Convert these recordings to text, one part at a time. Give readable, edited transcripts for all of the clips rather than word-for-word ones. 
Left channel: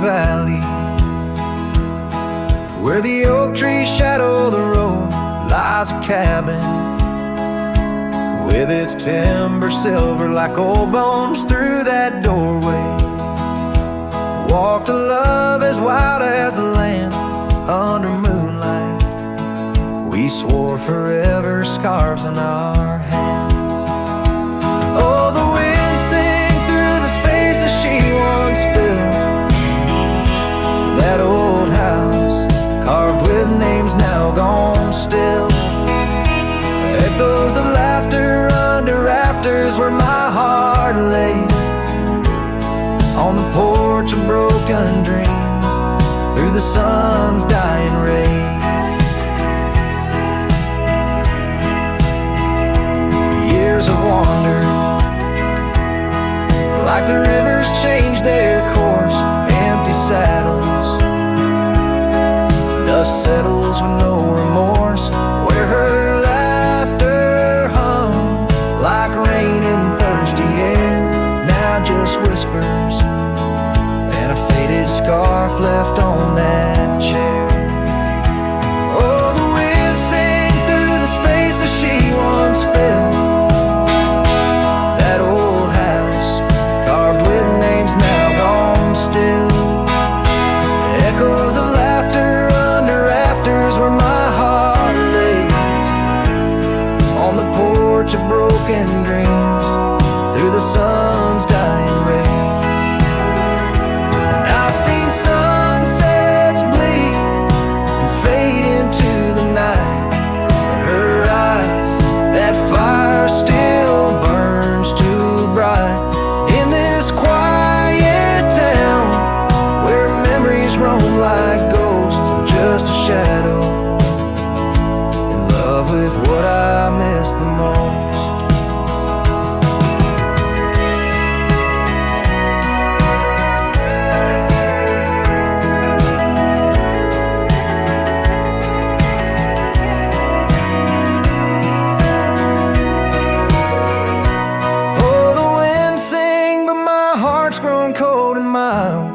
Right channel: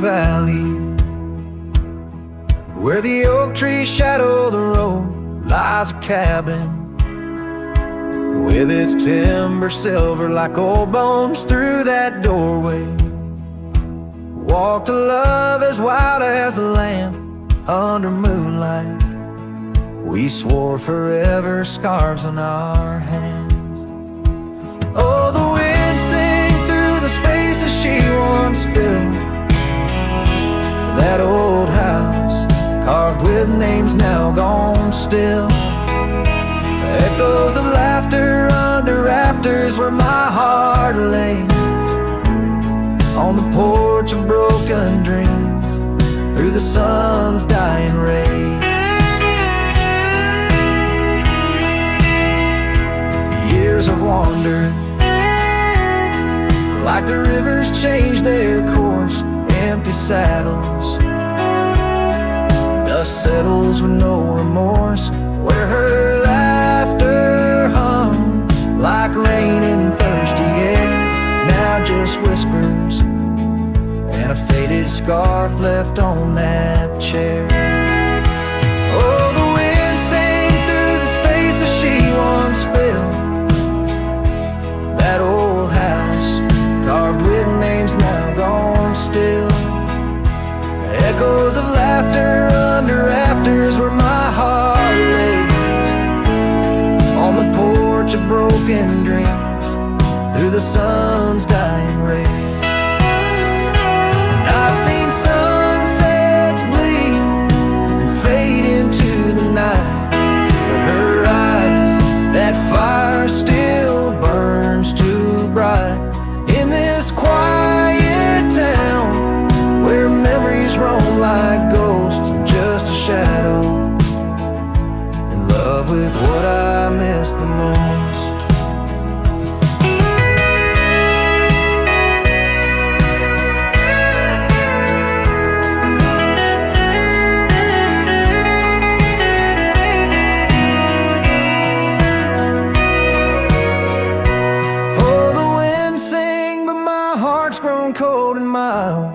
valley, where the oak trees shadow the road, lies a cabin with its timber silver like old bones. Through that doorway walked a love as wild as the land. Under moonlight we swore forever, scarves in our hands. Oh, the wind sang through the spaces she once filled. That old house carved with names now gone still. Echoes of laughter under rafters where my heart lays. On the porch of broken dreams through the sun's dying rays. Years have wandered like the rivers change their course. Empty saddles, dust settles with no remorse. Where her laughter hung like rain in thirsty air, now just whispers and a faded scarf left on that chair. Oh, the wind sang through the spaces she once filled. That old house carved with names now gone still. Echoes of laughter under rafters where my heart lays. On the porch of broken dreams through the sun's dying rays. And I've seen sunsets bleed and fade into the night, but her eyes, that fire still burns too bright. In this quiet town where memories roam like ghosts, I'm just a shadow in love with what I miss the most. Oh, the wind sang, but my heart's grown cold and mild.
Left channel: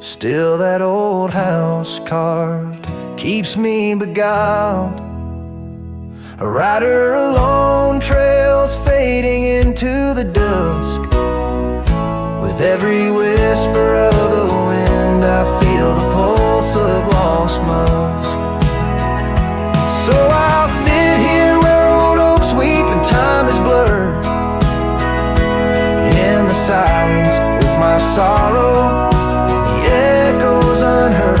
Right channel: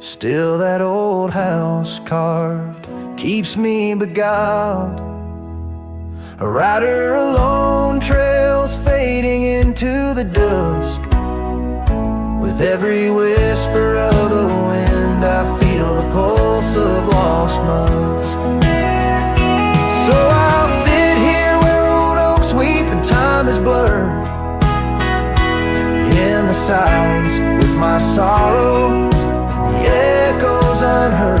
Still that old house carved keeps me beguiled. A rider alone, trails fading into the dusk. With every whisper of the wind I feel the pulse of lost musk. So I'll sit here where old oaks weep and time is blurred, in the silence with my sorrow, echoes unheard.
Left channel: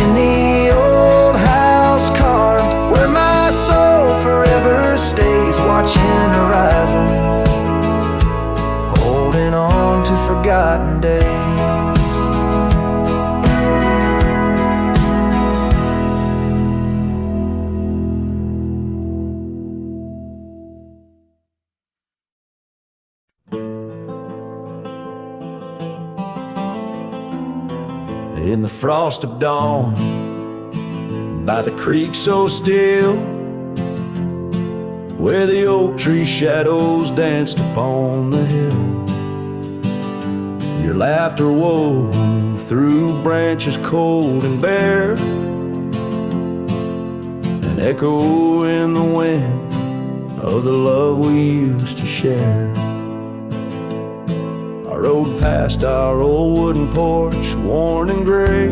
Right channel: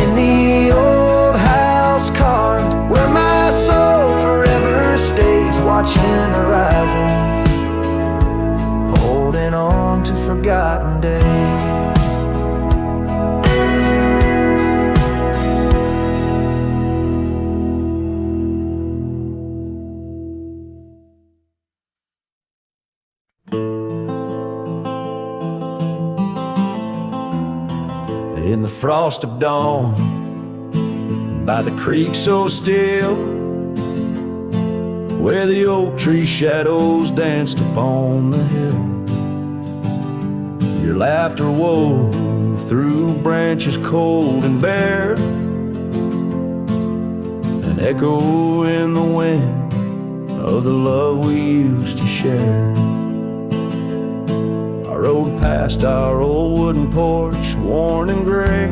In the old house carved where my soul forever stays, watching horizons, holding on to forgotten days. In the frost of dawn, by the creek so still, where the oak tree shadows danced upon the hill, your laughter wove through branches cold and bare, an echo in the wind of the love we used to share. I rode past our old wooden porch, worn and gray,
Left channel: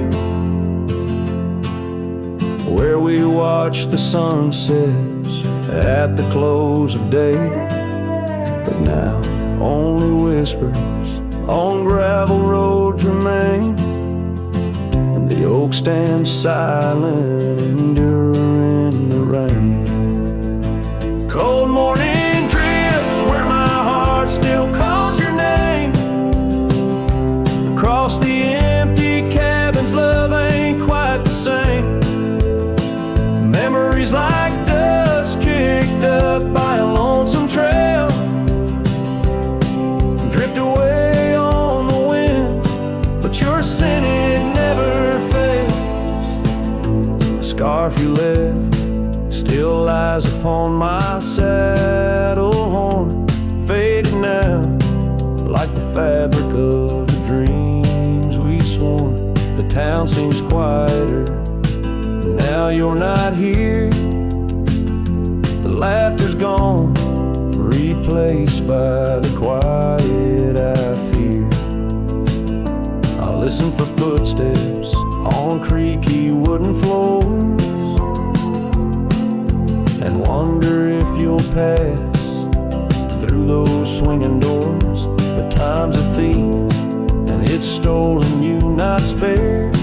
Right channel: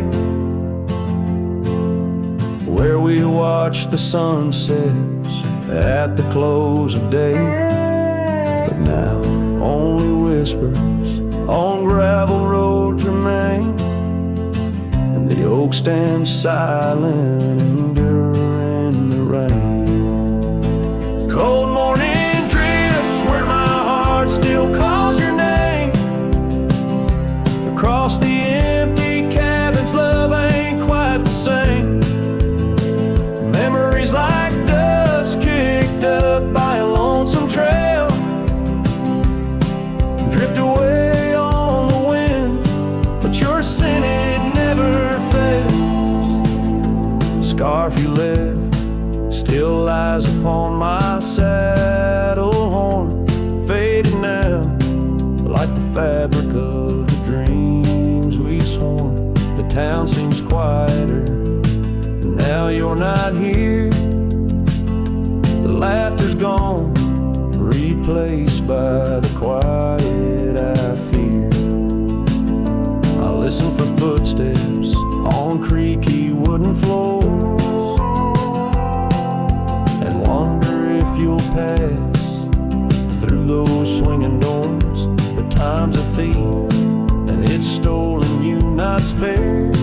where we watched the sunsets at the close of day. But now only whispers on gravel roads remain, and the oak stands silent, enduring the rain. Cold morning drifts where my heart still calls your name. Across the empty cabins, love ain't quite the same. Memories like dust kicked up by a lonesome trail drift away on the wind, but your scent, it never fails. The scarf you left still lies upon my saddle horn, faded now like the fabric of the dreams we town seems quieter. Now you're not here. The laughter's gone, replaced by the quiet I fear. I listen for footsteps on creaky wooden floors and wonder if you'll pass through those swinging doors. But time's a thief, and it's stolen you, not spared,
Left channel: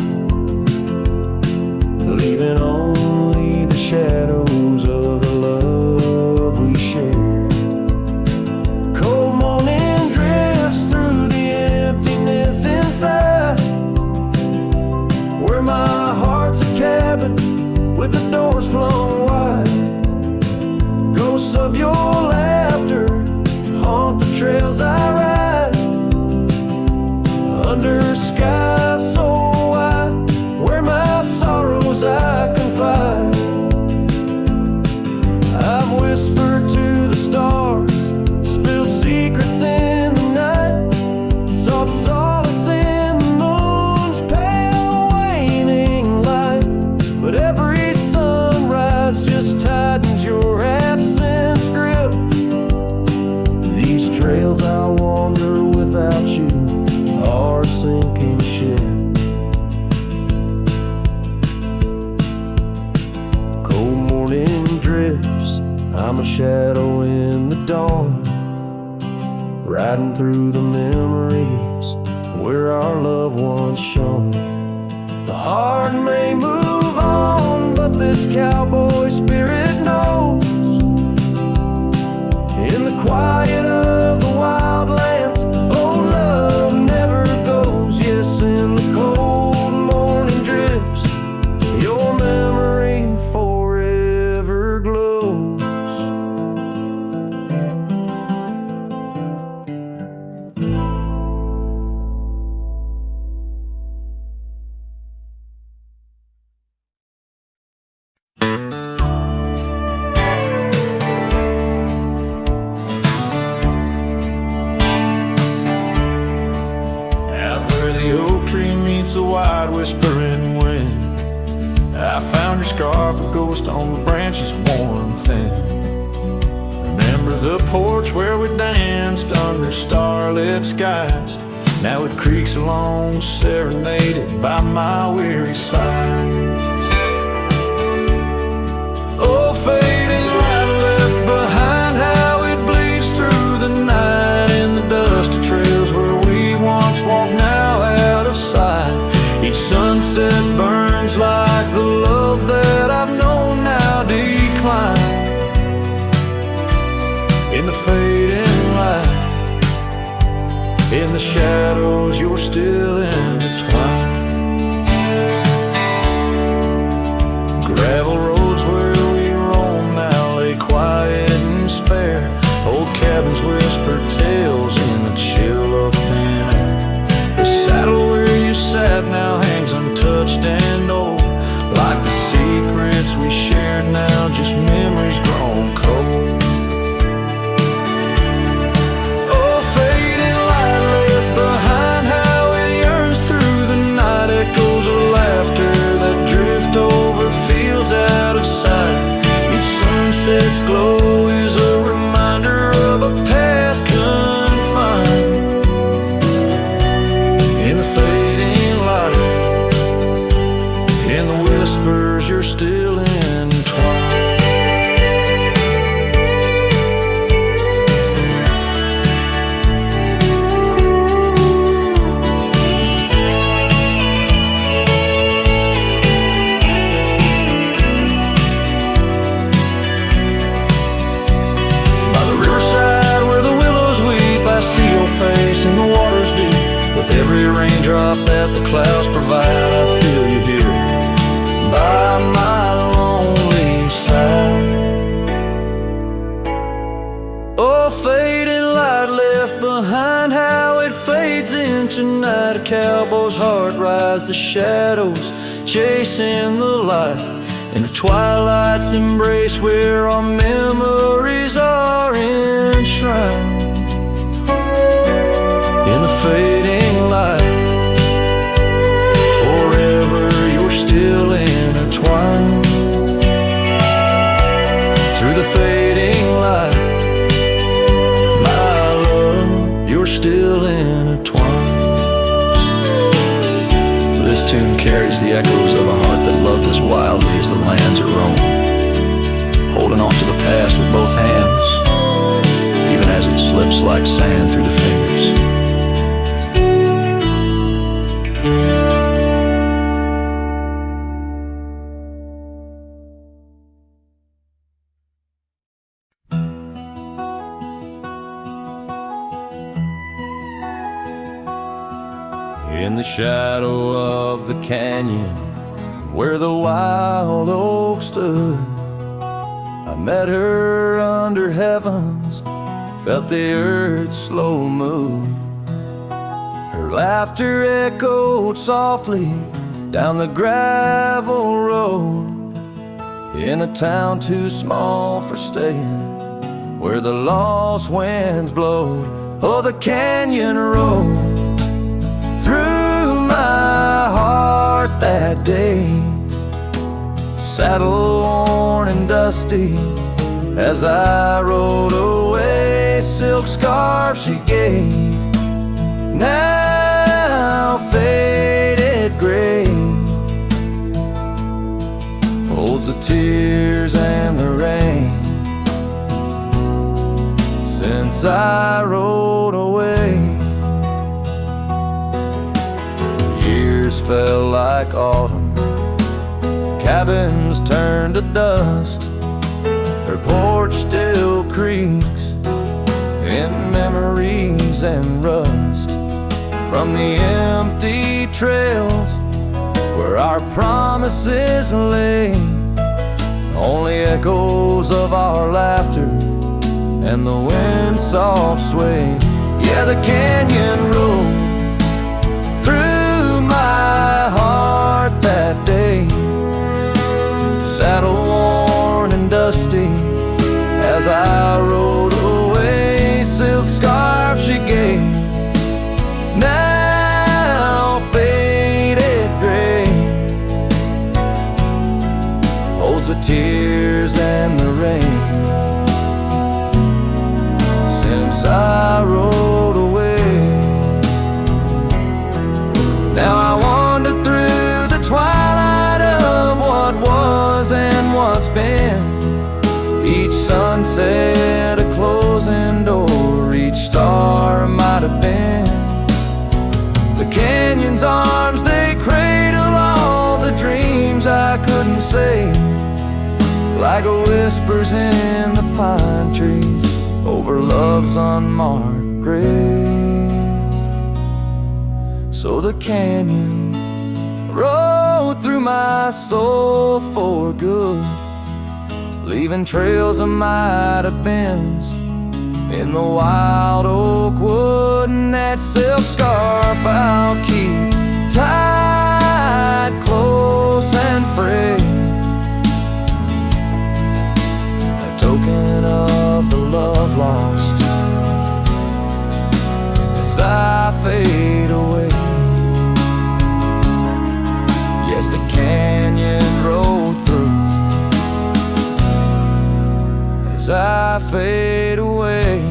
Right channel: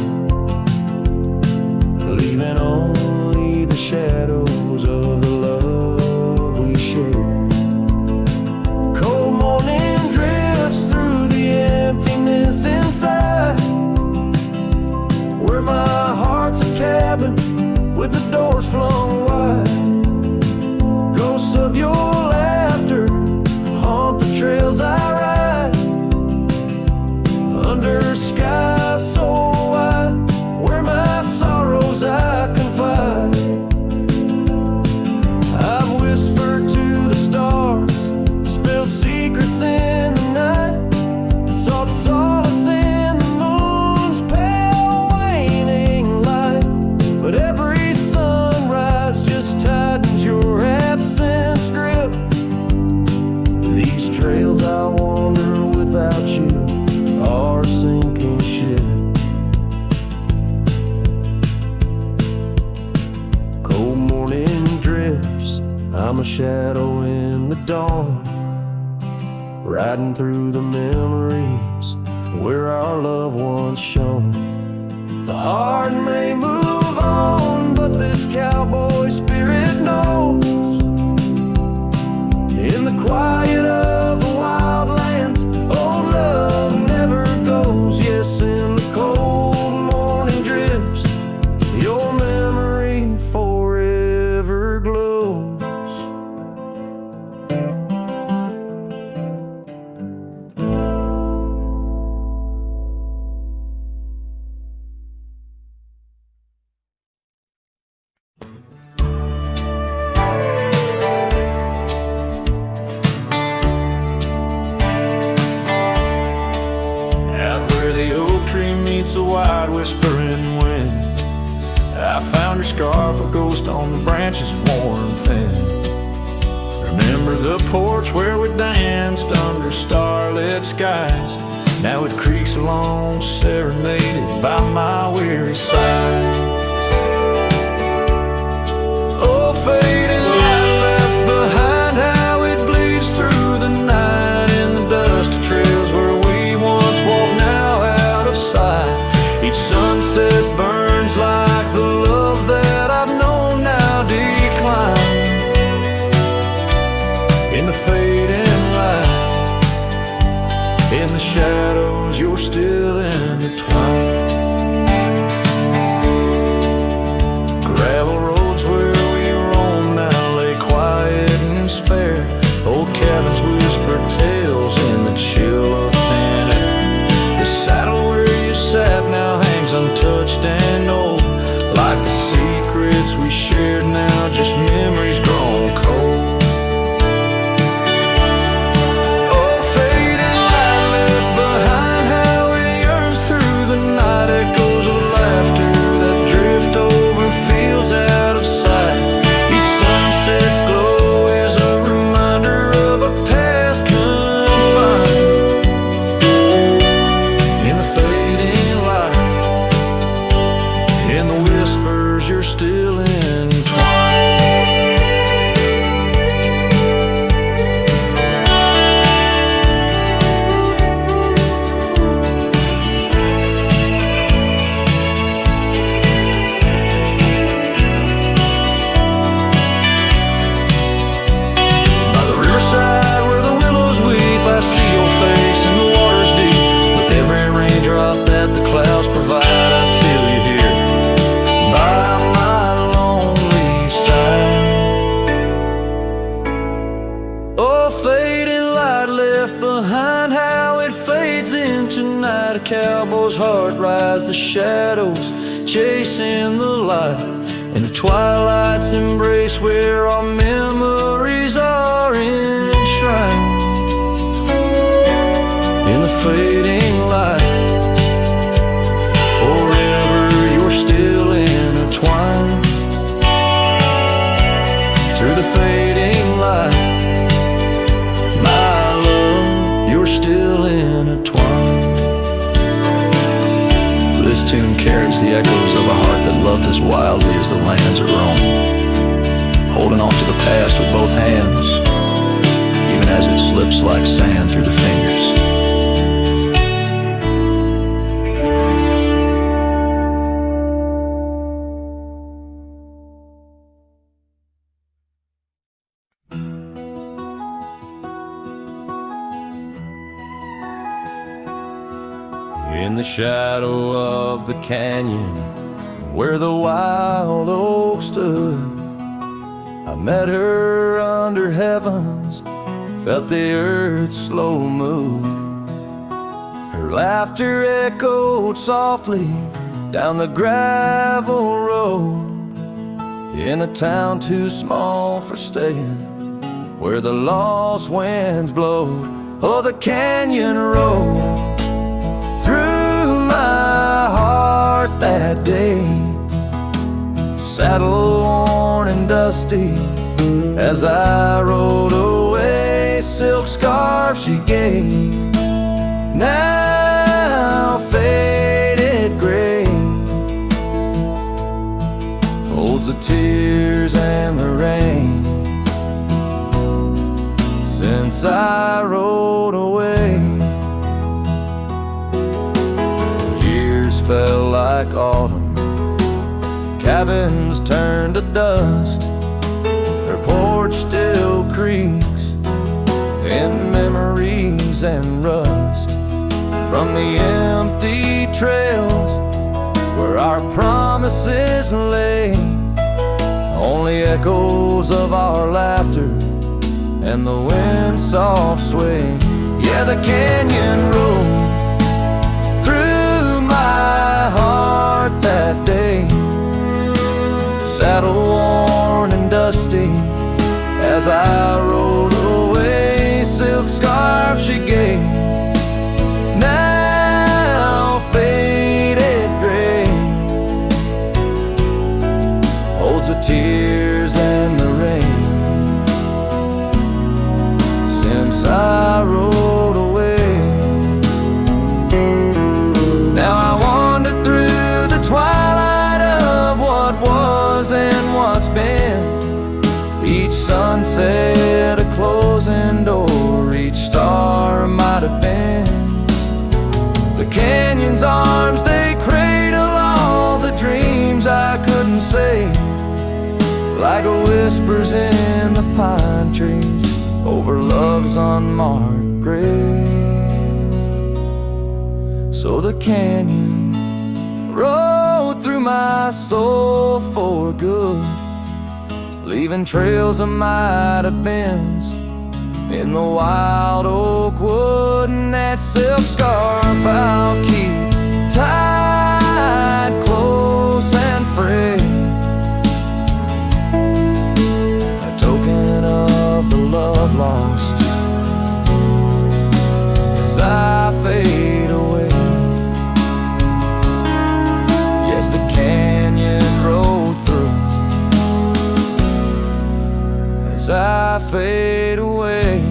leaving only the shadows of the love we shared. Cold morning drifts through the emptiness inside, where my heart's a cabin with the doors flung wide. Ghosts of your laughter haunt the trails I ride, under skies so wide, where my sorrows I confide. I've whispered to the stars, spilled secrets in the night, sought solace in the moon's pale waning light. But every sunrise just tightens your absence grip. These trails I wander without you are a sinking ship. Cold morning drifts, I'm a shadow in the dawn, riding through the memories where our loved ones shone. The heart may move on, but this cowboy spirit knows, in the quiet of the wildlands, old love never goes. Yes, in the cold morning drifts, your memory forever glows. Where the oak tree meets the wide whispering wind, I found your scarf, a ghost on the branches worn thin. Remember the porch where we danced under starlit skies, now it creaks along, serenaded by my weary sighs. Oh, faded light left behind, how it bleeds through the night in the dusty trails where we once walked, now out of sight. Each sunset burns like the love that I've known now decline. In the fading light, in the shadows, you're still intertwined. Gravel roads where we roam now lay quiet and spare. Old cabins whisper tales in the chill of thin air. The saddle where you sat now hangs untouched and old, like the secrets we shared now, just memories grown cold. Oh, fading light left behind, how it yearns through the night, echoes of laughter that drift over fields out of sight. Each sunset's glow is a reminder of a past confined. In the fading light, in the whispers, you're still entwined. By the riverside where the willows weep, I see your face in the water's deep. With every raindrop that the clouds provide, I feel you here by my lonely side. Oh, fading light left behind, how it fades into night. A cowboy's heart rides the shadows, chasing the light. In the twilight's embrace where our memories are enshrined. In the fading light, forever intertwined. Through the fading light, my love, you're still intertwined. This tune carries the echoes of a heart that loved as wildly as the lands it roamed, holding on to the past with both hands, even as it slips like sand through the fingers. In the shadow of the canyon where the wild oak stood, I met her under heavens, felt the earth's slow move. Her laughter echoed softly down the gravel road, in a town too small for staying, where the lost winds blowed. Oh, the canyon rolled through my heart that day, saddle worn and dusty, as I rode away. Silk scarf she gave, now faded gray, holds the tears and the rain since I rode away. Years fell like autumn, cabins turned to dust, her porch still creaks in memories and rust, from the empty trails where our promises lay, only echoes of our laughter and the wind's soft sway. Yeah, the canyon rolled through my heart that day, saddle worn and dusty, as I rode away. Silk scarf she gave, now faded gray, holds the tears and the rain since I rode away. Now I wander through the twilight of what was and what's been, each sunset a closing door, each star might have been. The canyon's arms, they cradle all the dreams I couldn't save, like whispers in the pine trees over love's unmarked grave. So the canyon rode through my soul for good, leaving trails of might have beens in the wild oak wood. And that silk scarf I'll keep tied close and frayed, a token of the love lost as I fade away. Yes, the canyon rolled through as I fade away.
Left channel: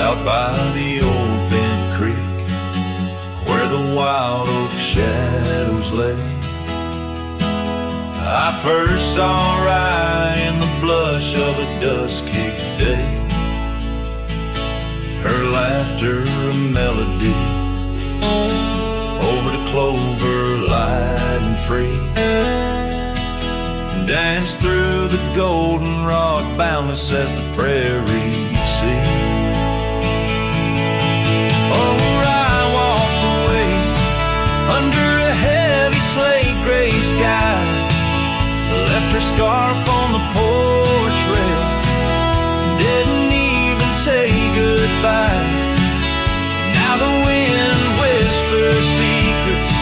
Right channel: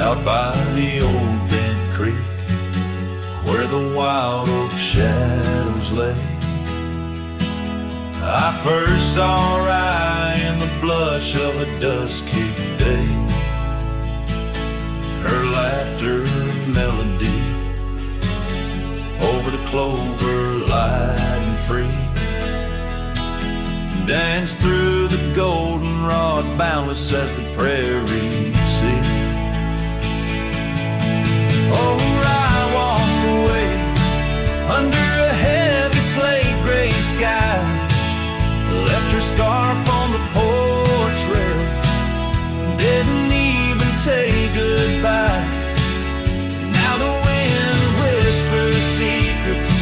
Out by the old bent creek, where the wild oak shadows lay, I first saw Rye in the blush of a dust-kicked day, her laughter a melody over the clover light and free, danced through the goldenrod boundless as the prairie sea. Oh, I walked away under a heavy slate gray sky, left her scarf on the porch rail, didn't even say goodbye. Now Now the wind whispers secrets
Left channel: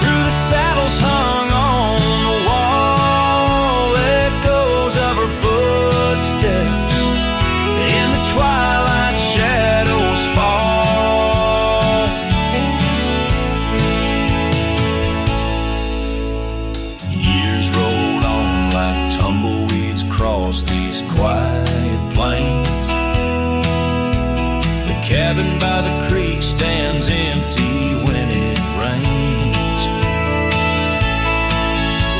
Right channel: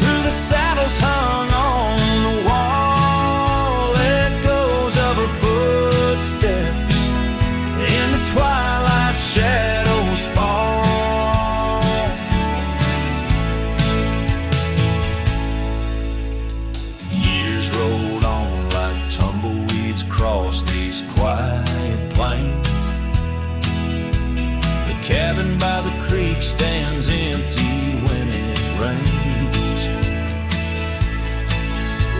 through the saddles hung on the wall. Echoes of her footsteps in the twilight shadows fall. Years rolled on like tumbleweeds across these quiet plains. The cabin by the creek stands empty when it rains.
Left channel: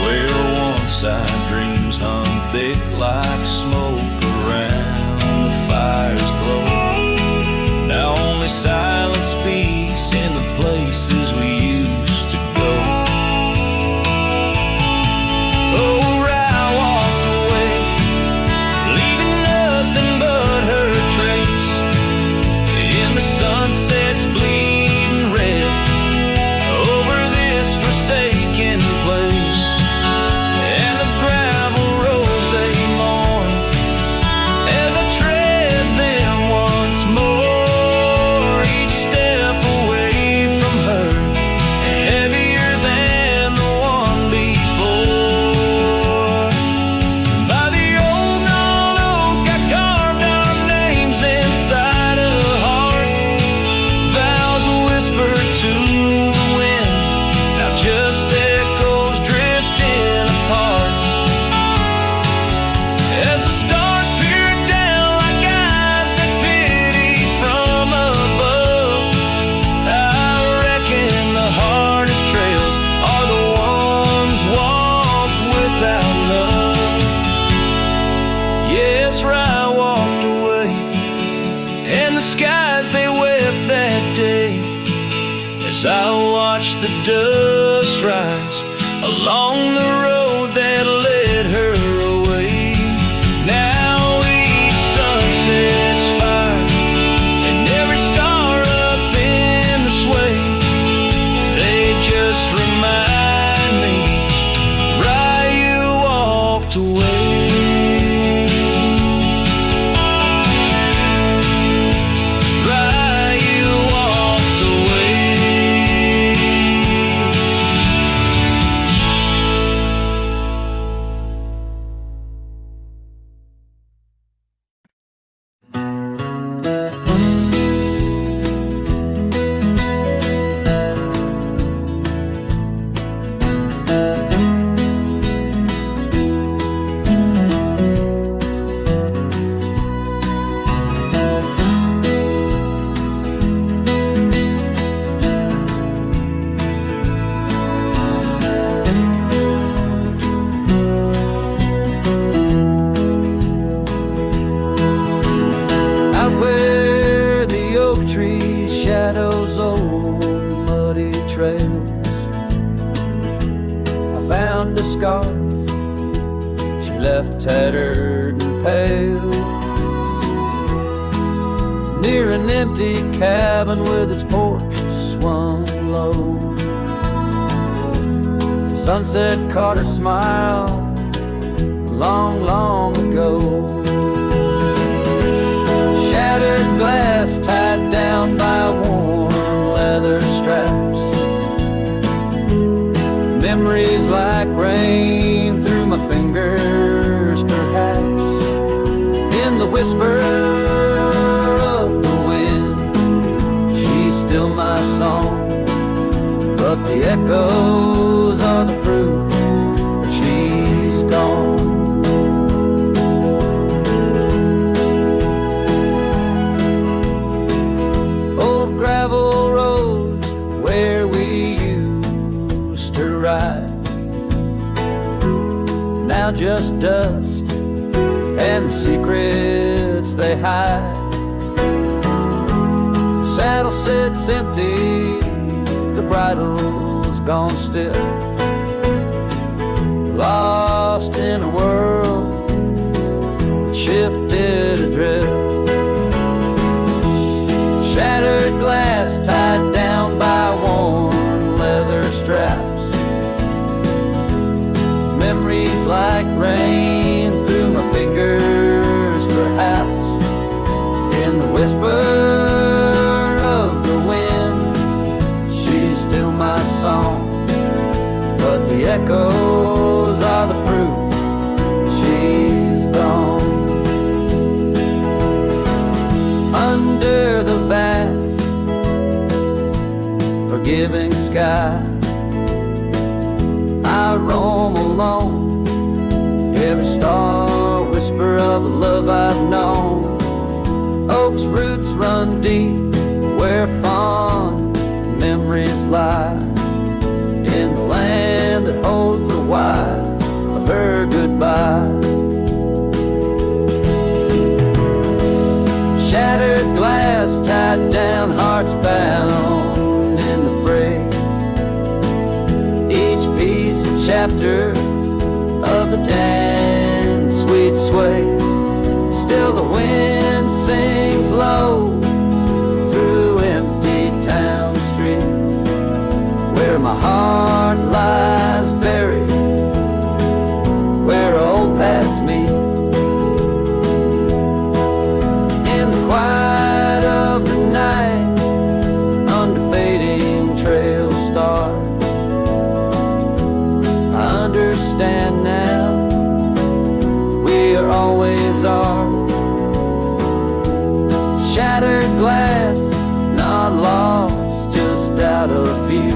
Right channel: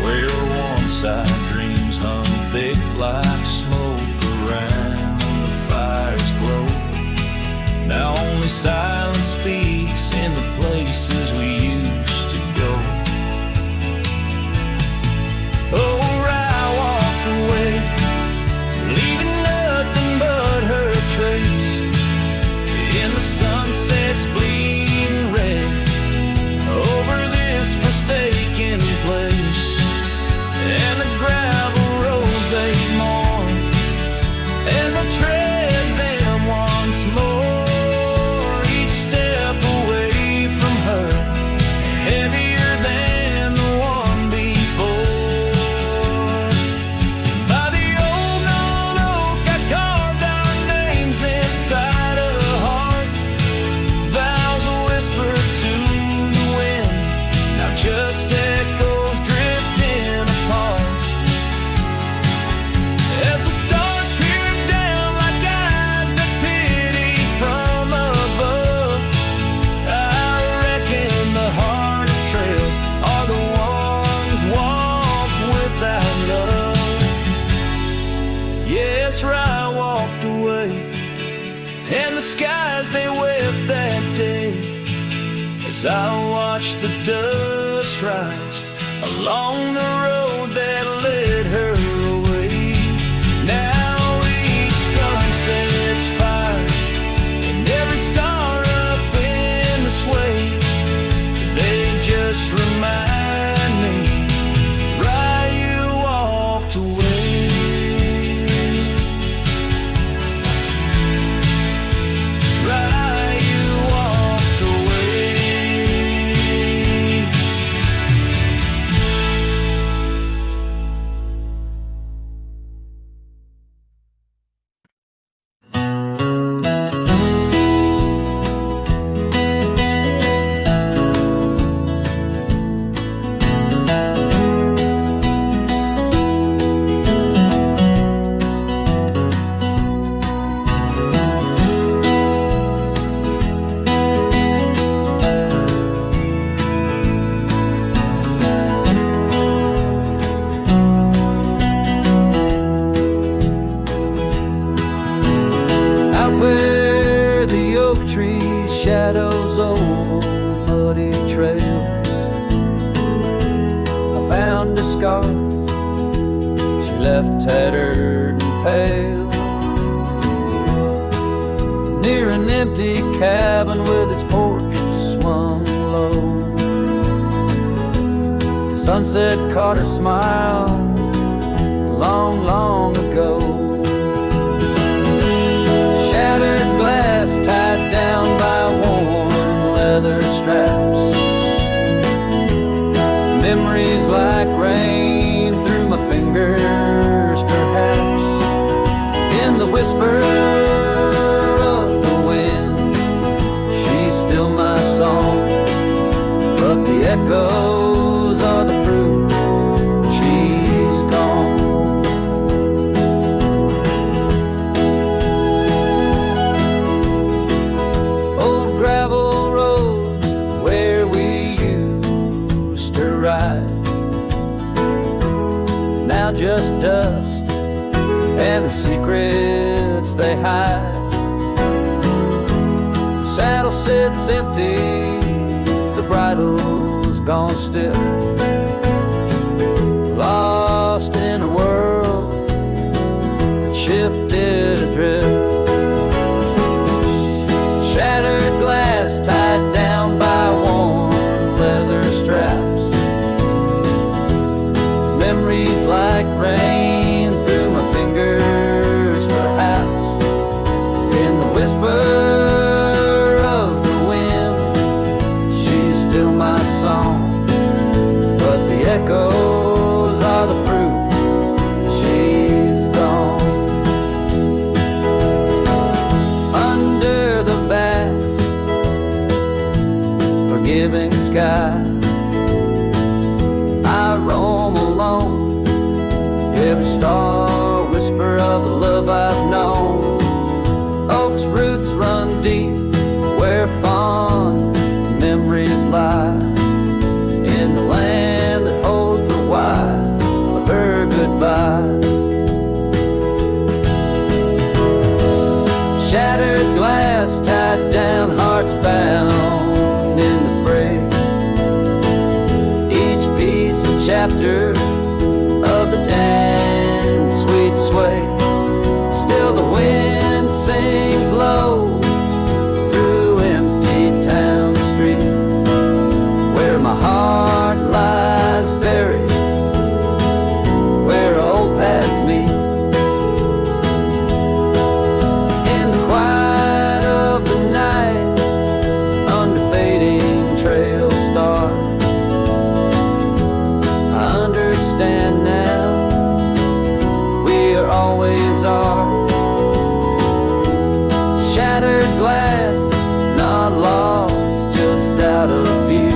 Where once our dreams hung thick like smoke around the fire's glow, now only silence speaks in the places we used to go. Oh, I walked away, leaving nothing but her trace in the sunset's bleeding red over this forsaken place. And the gravel roads they mourn as I tread them once more. Each step away from her heavier than the one before. By the old gnarled oak I carved our names inside a heart. Vows whispered to the wind, now just echoes drifting apart. As the stars peer down like eyes that pity from above, I reckon the hardest trails are the ones walked without love. Yes, I walked away, and the skies they wept that day as I watched the dust rise along the road that led her away. Now each sunset's fire and every star up in the sway, they just remind me why you walked away. Why you walked away. Out where the oak tree shadows old muddy trails, I found a scarf she left tattered and pale near an empty cabin with its porch swung low. The sunset caught her smile long, long ago. Shattered glass tied down by worn leather straps, memories like rain through my fingers, perhaps in the whisper of the wind. She's still my song, but the echoes are the proof that she's gone. Old gravel roads where we used to ride, now just dust and the secrets they hide. The saddle sits empty, the bridle's gone stiff, lost in a world that shifted adrift. Shattered glass tied down by worn leather straps, memories like rain through my fingers, perhaps in the whisper of the echoes are the proof she's gone. Under the vast, forgiving sky, I roam alone, every star whisper of the love I've known. Oak's roots run deep where fond memories lie, in the land that holds the why of her goodbye. Shattered glass, tied down, hearts bound in the fray, each piece a chapter of the dance sweet sway. Still the wind sings low through empty town streets, where my heart lies buried, where old paths meet. In the quiet of the night, under fading trail stars, I understand now, we are always ours. Shattered glass, not lost, just out of view.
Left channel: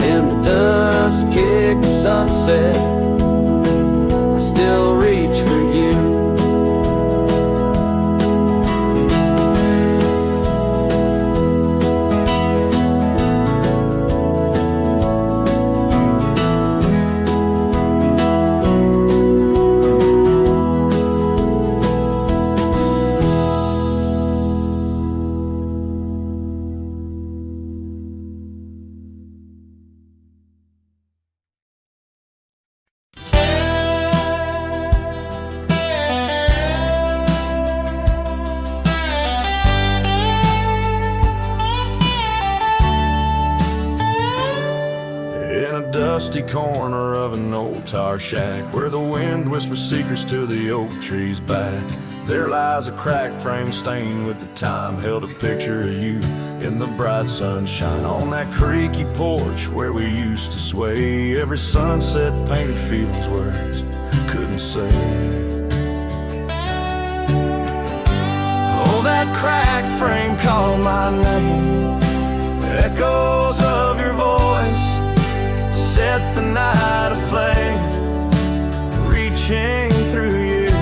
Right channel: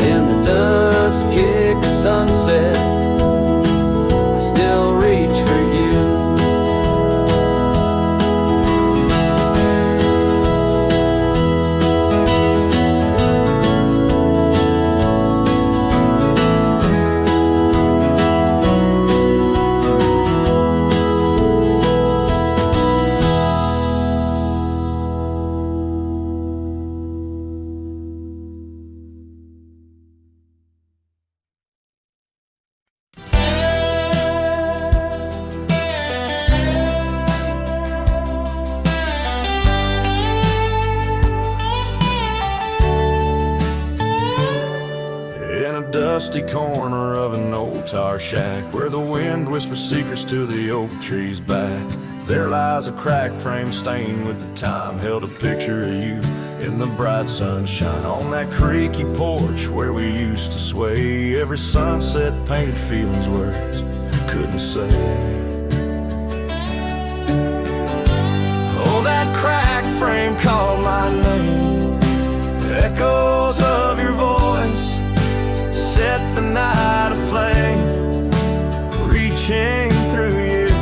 In the dusk-kicked sunset, I still reach for you. Dusty corner of an old tar shack, where the wind whispers secrets to the oak tree's back, there lies a cracked frame stained with the time, held a picture of you in the bright sunshine. On that creaky porch where we used to sway, every sunset painted feelings words couldn't say. Oh, that cracked frame called my name, echoes of your voice set the night aflame, reaching through years,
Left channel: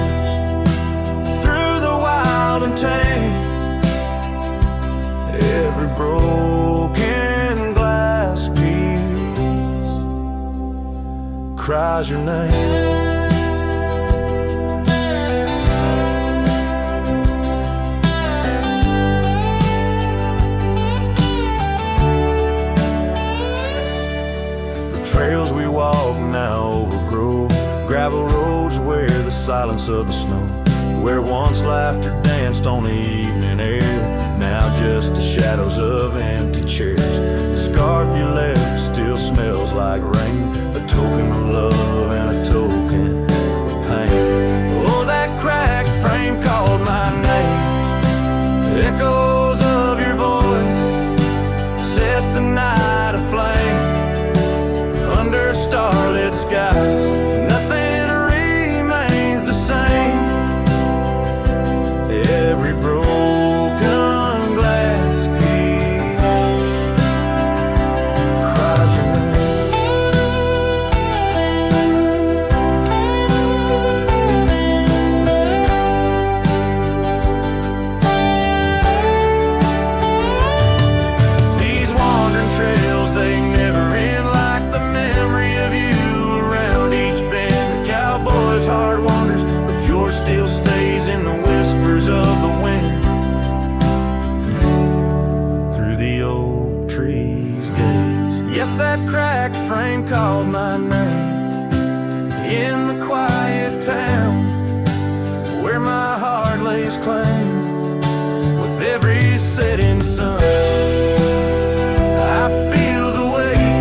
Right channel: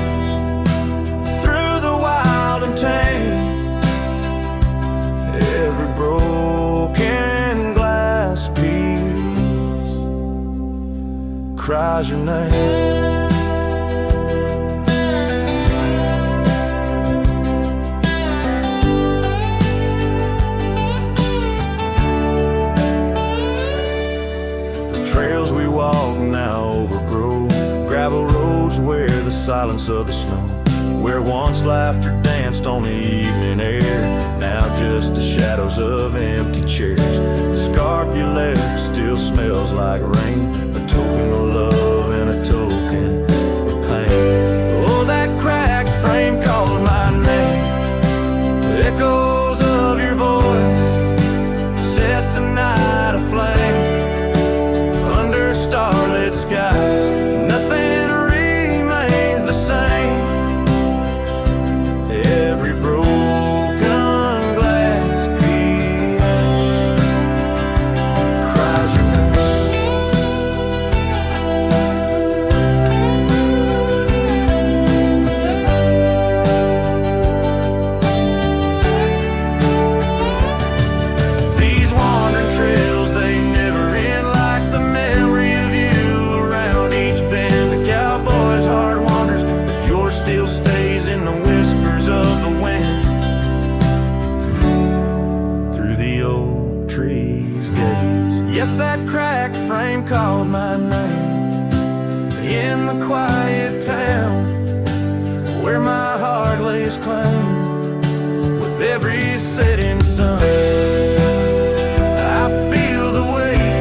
through the wild and tame. Every broken glass piece cries your name. Trails we walk now overgrow, gravel roads where the silence of the snow, where once laughter danced on the evening air, now just the shadows of empty chairs. The scarf you left still smells like rain, a token of love and a token of pain. Oh, that cracked frame called my name, echoes of your voice set the night aflame. Under starlit skies, nothing remains the same. Every broken glass piece cries your name. These wandering trails, they never end, like the memory of you around each bend. A cowboy's heart wanders, but yours still stays in the whispers of the wind. Through the oak tree's gaze, yes, that cracked frame called my name. In the quiet town where my heart lays claim, with every setting sun I feel the weight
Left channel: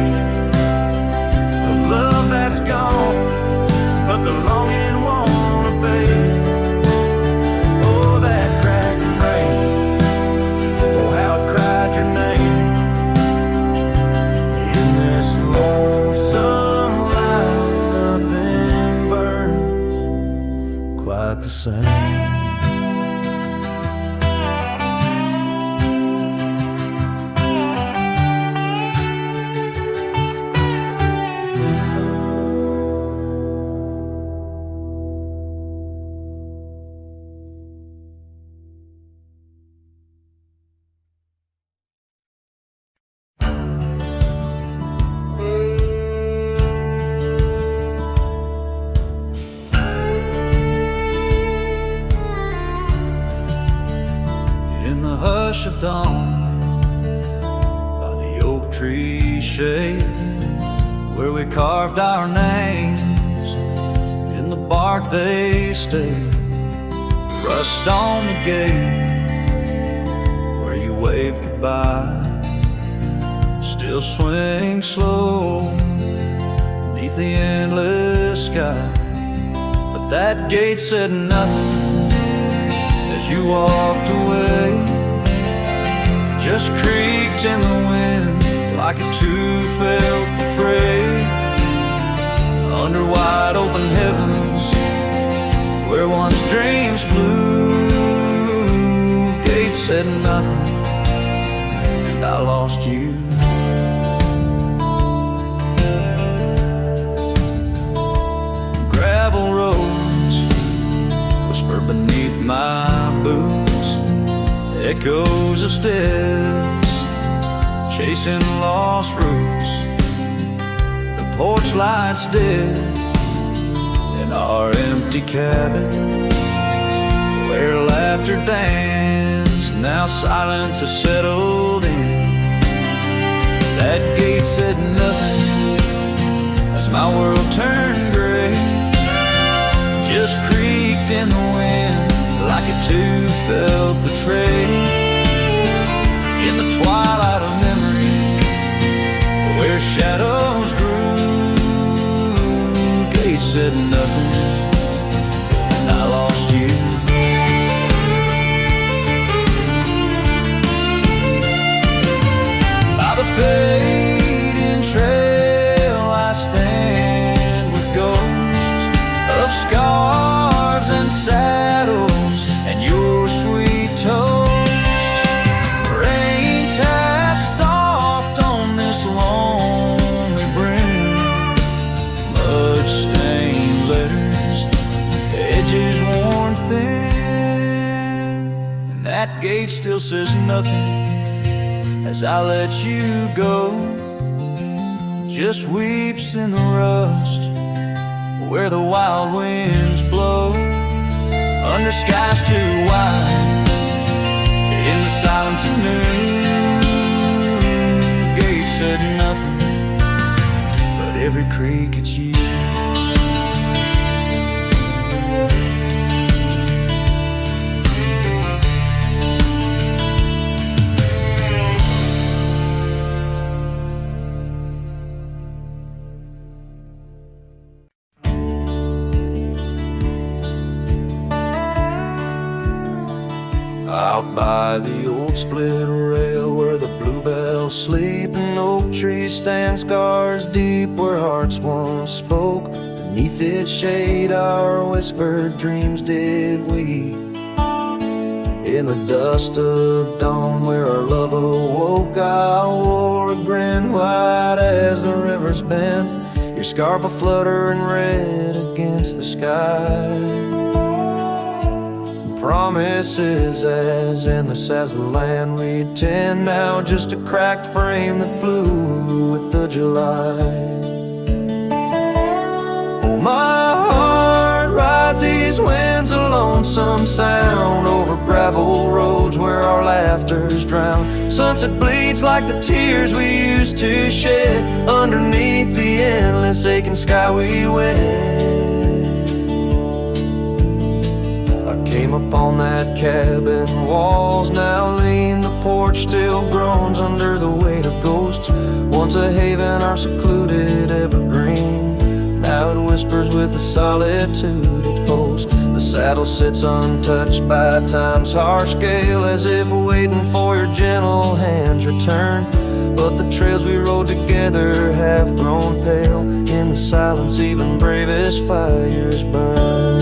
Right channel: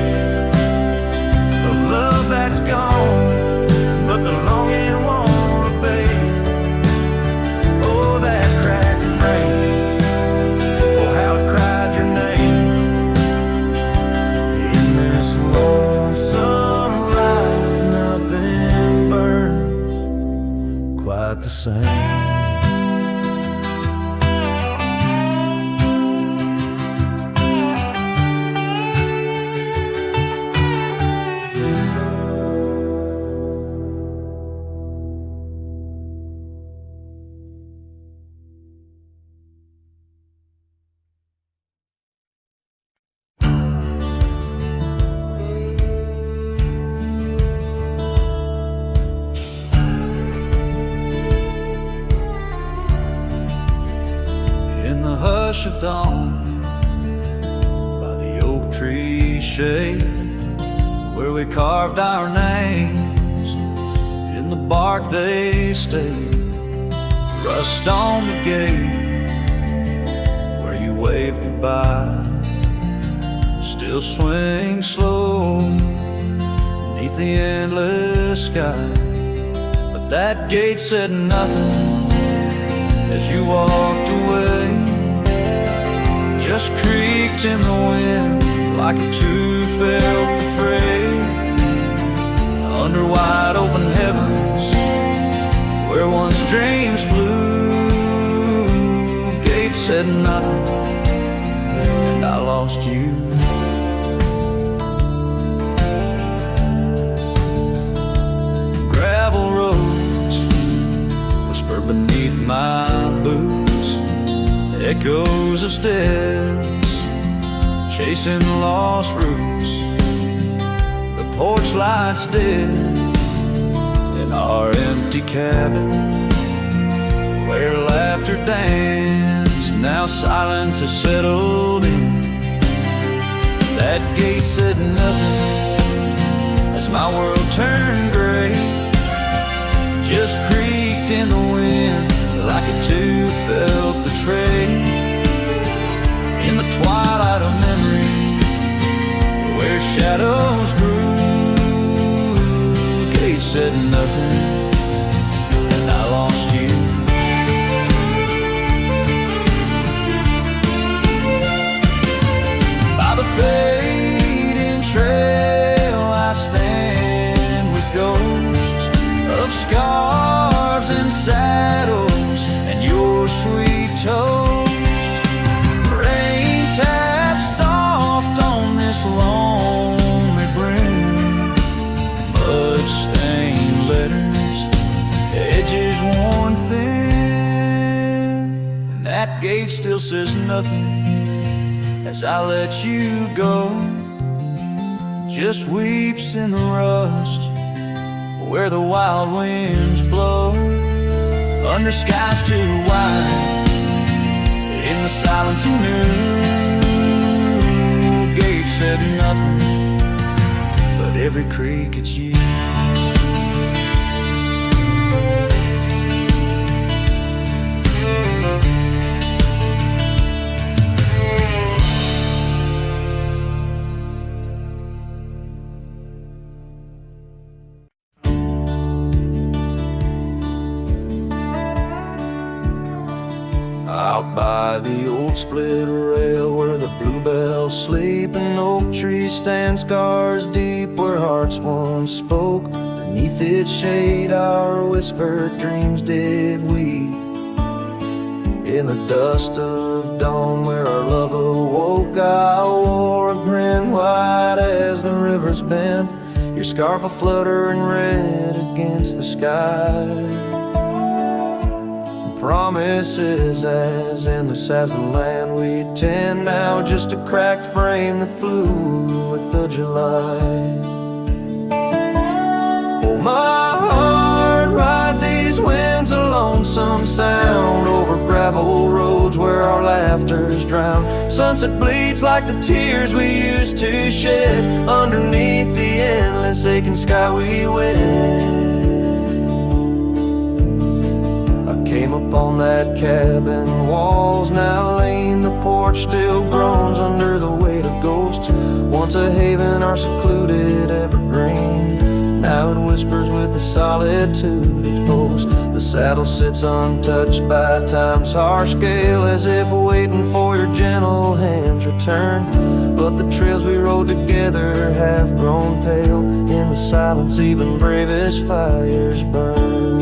of love that's gone, but the longing won't abate. Oh, that cracked frame, oh, how it cried your name in this lonesome life, nothing burns quite the same. In the hush of dawn, by the oak tree shade, where we carved our names, in the bark they stayed. Rust on the gate, where you waved goodbye, still swing slow beneath the endless sky. But that gate said nothing as you walked away, just creaked in the wind like it too felt the fray. Under wide open heavens, where once dreams flew, gate said nothing, and I lost you. Gravel roads whisper beneath my boots, echoes of steps chasing lost roots. The porch lights dead in our empty cabin, where laughter danced, now silence has settled in. That gate said nothing as my world turned gray, just creaked in the wind like it too felt betrayed. In the twilight of memory, where shadows grew, gate said nothing, and I lost you. By the fading trail I stand with ghosts of scarves and saddles and your sweet toast. Rain taps soft on this lonely brim, mud-stained letters, edges worn thin, and that gate still says nothing as I let you go. Just weeps in the rust where the wild winds blow, under skies too wide, in the silence anew. Gate said nothing, but every creak it's you. Out by the old split rail, where the bluebells sleep and oak trees stand scars deep, where hearts once spoke, beneath its shade our whispered dreams did weep. In the dust of dawn, where our love awoke, I wore a grin wide as the river's bend, your scarf a fluttering red against the sky. Promises as endless as the land we'd tend, now just a cracked frame that flew with the July. Oh, my heart rides these winds, a lonesome sound, over gravel roads where our laughter's drowned. Sunset bleeds like the tears we used to shed, underneath the endless aching sky we wed. Came upon that cabin, walls now lean, the porch still groans under the weight of ghosts. Once a haven, our secluded evergreen, now it whispers with the solitude it hosts. The saddle sits untouched by time's harsh scale, as if waiting for your gentle hand's return. but the trails we rode together have grown pale. In the silence, even bravest fires burn.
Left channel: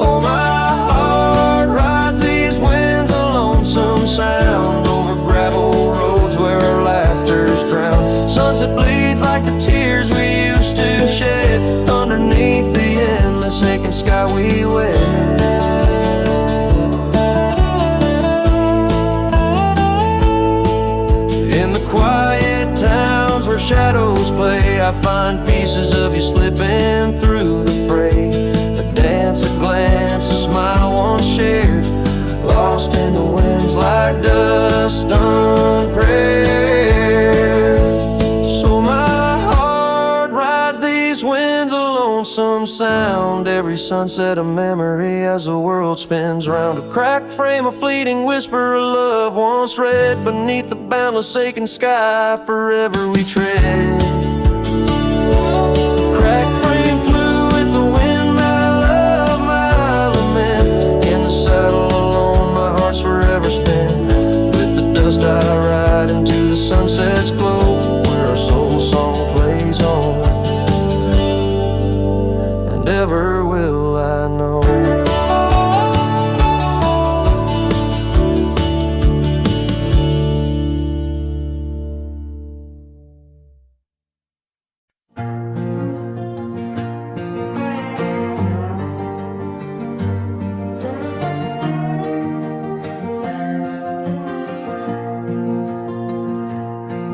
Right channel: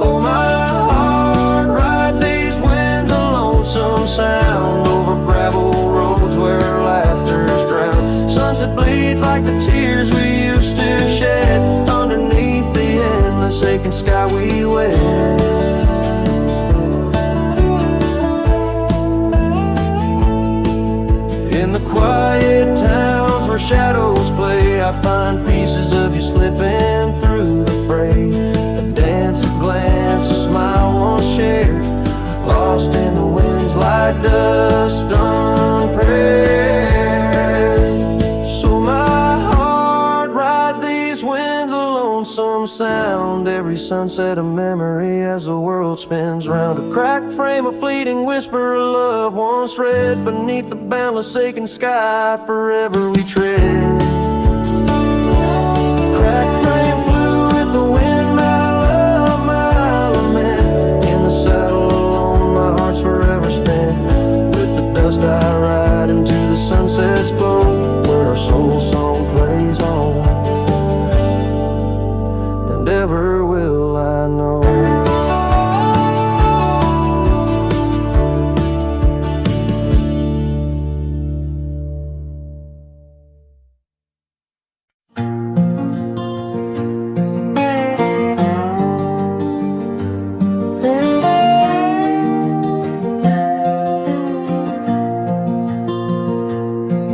Oh, my heart rides these winds, a lonesome sound over gravel roads where our laughter's drowned. Sunset bleeds like the tears we used to shed underneath the endless aching sky we wed. In the quiet towns where shadows play, I find pieces of you slipping through the fray. A dance, a glance, a smile once shared, lost in the winds like dust unprepared. So my heart rides these winds, a lonesome sound. Every sunset a memory as the world spins round. A cracked frame, a fleeting whisper of love once read beneath the boundless aching sky. Forever we tread. Cracked frame flew with the wind, my love, my lament. In the saddle alone, my heart's forever spent. With the dust I ride into the sunset's glow, where our soul song plays on, and ever will I know.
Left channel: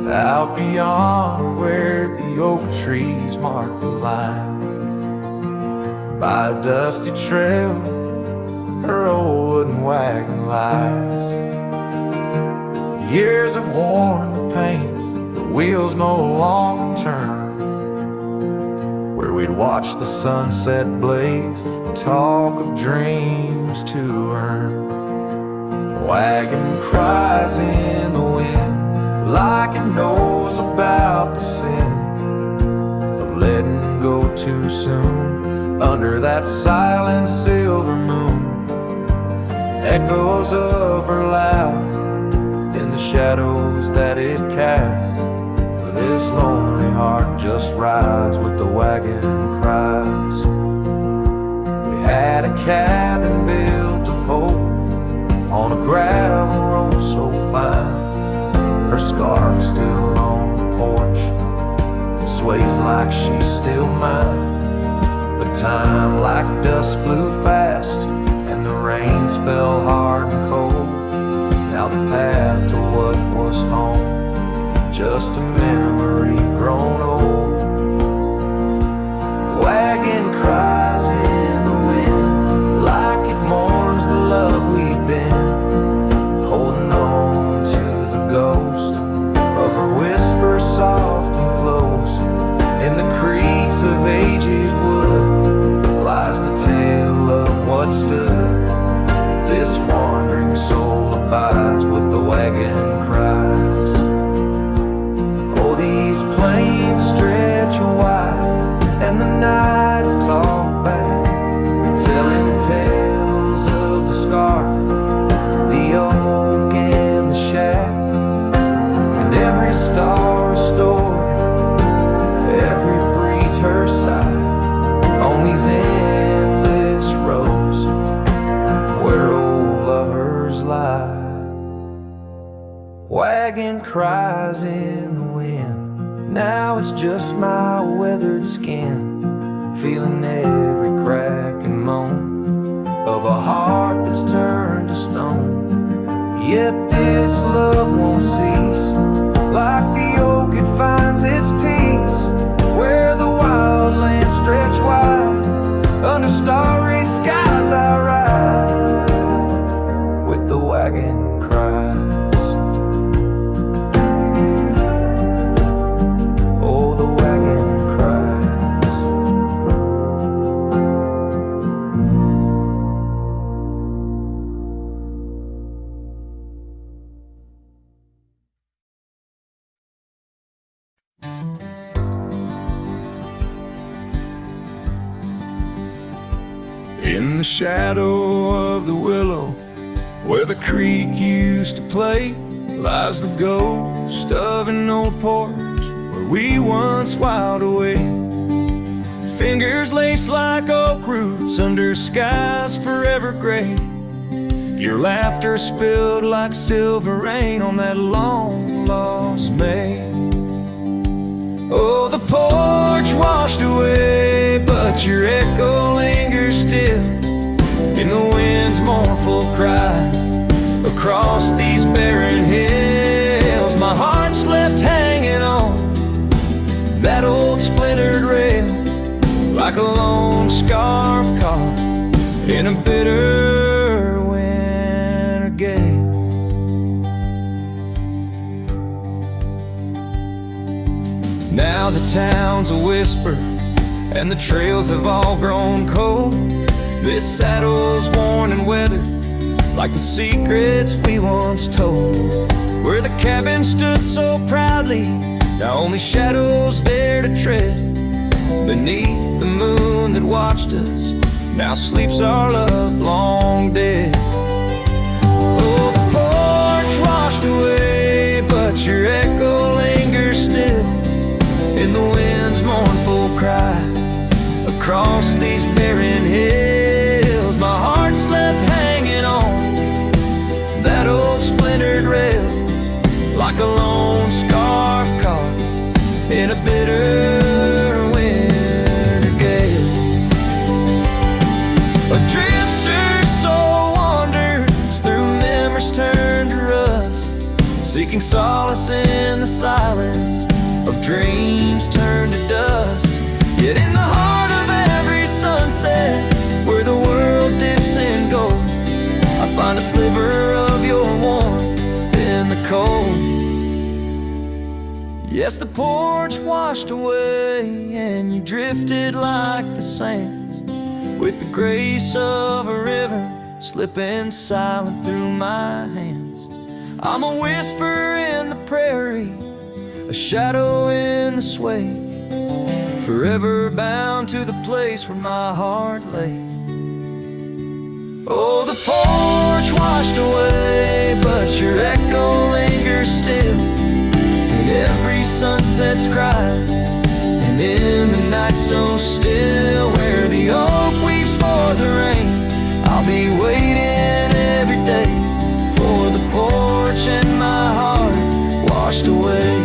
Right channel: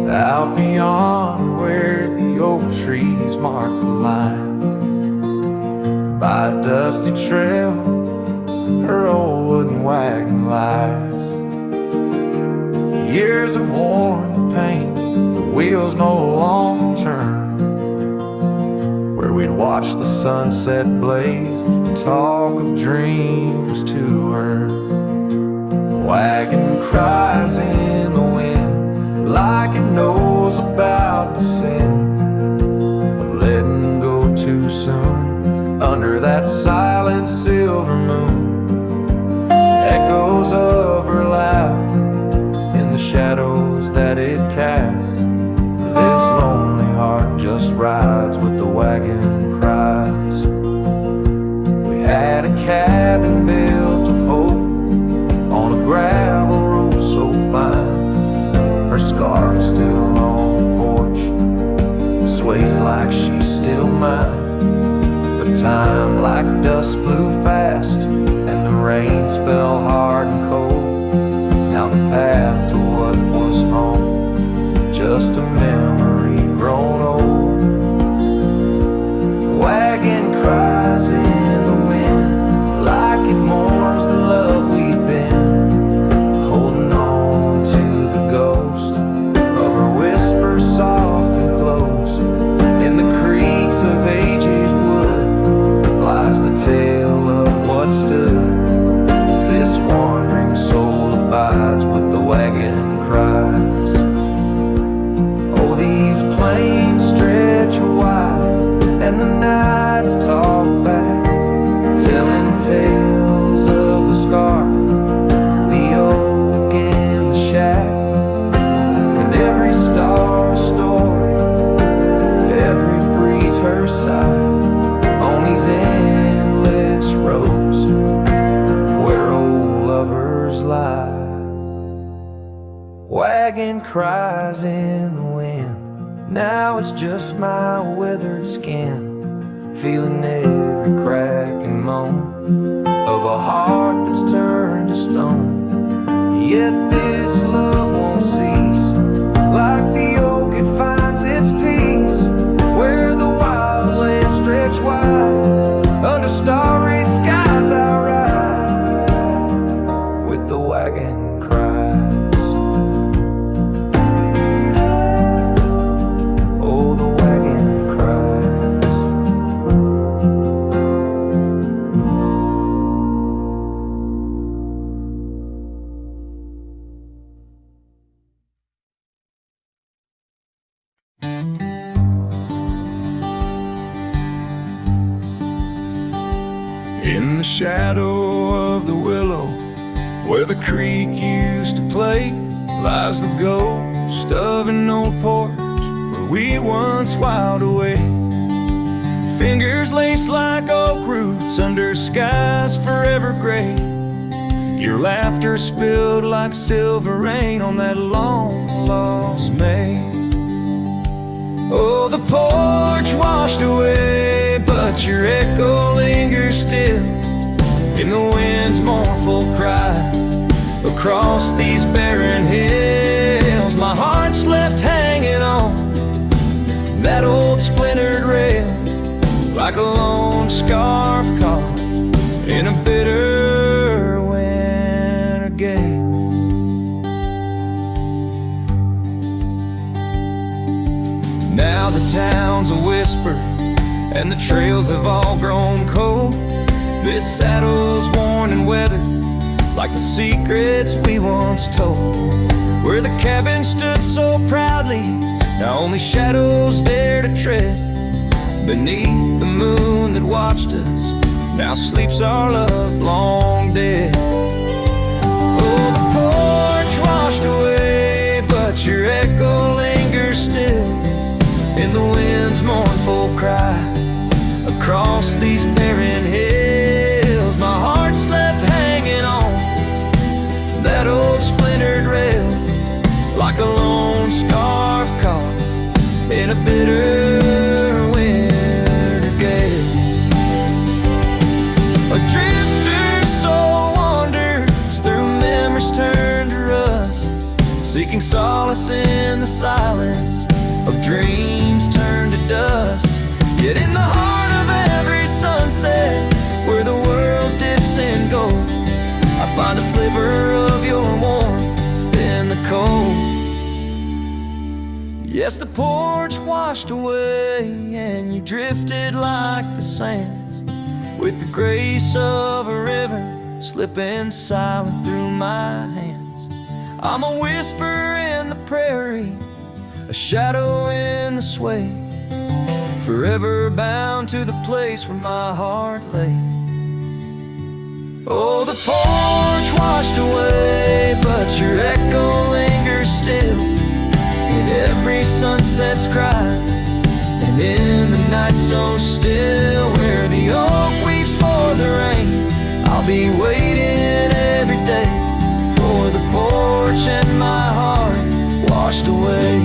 Out beyond where the oak trees mark the line, by a dusty trail, her old wooden wagon lies. Years have worn the paint, the wheels no longer turn. Where we'd watch the sunset blaze and talk of dreams to earn. Wagon cries in the wind like it knows about the sin of letting go too soon under that silent silver moon. Echoes of her laugh in the shadows that it casts. This lonely heart just rides with the wagon cries. We had a cabin built of hope on a gravel road so fine. Her scarf still on the porch, sways like she's still mine. But time like dust flew fast, and the rains fell hard and cold. Now the path to what was home, just a memory grown old. Wagon cries in the wind like it mourns the love we'd been, holding on to the ghost of her whisper soft and close. In the creaks of aged wood lies the tale of what stood. This wandering soul abides with the wagon cries. Oh, these plains stretch wide and the nights talk back, telling tales of the scarf, the oak and the shack, and every star a story, every breeze her sigh, on these endless roads where old lovers lie. Wagon cries in the wind, now it's just my weathered skin, feeling every crack and moan of a heart that's turned to stone. Yet this love won't cease, like the oak it finds its peace, where the wild lands stretch wide, under starry skies I ride, with the wagon cries. Oh, the wagon cries. In the shadow of the willow, where the creek used to play, lies the ghost of an old porch where we once whiled away. Fingers laced like oak roots under skies forever gray. Your laughter spilled like silver rain on that long lost May. Oh, the porch washed away, but your echo lingers still in the wind's mournful cry across these barren hills. My heart's left hanging on that old splintered rail like a lone scarf caught in a bitter winter gale. Now the town's a whisper and the trails have all grown cold. This saddle's worn and weathered like the secrets we once told. Where the cabin stood so proudly, now only shadows dare to tread beneath the moon that watched us. Now sleeps our love long dead. Oh, the porch washed away, but your echo lingers still in the wind's mournful cry across these barren hills. My heart's left hanging on that old splintered rail like a lone scarf caught in a bitter winter gale. A drifter soul wanders through memories turned to rust, seeking solace in the silence of dreams turned to dust. Yet in the heart of every sunset, where the world dips in gold, I find a sliver of your warmth in the cold. Yes, the porch washed away and you drifted like the sands, with the grace of a river slipping silent through my hands. I'm a whisper in the prairie, a shadow in the sway, forever bound to the place where my heart lay. Oh, the porch washed away, but your echo lingers still in every sunset's cry, and in the night so still, where the oak weeps for the rain, I'll be waiting every day for the porch and my heart washed away.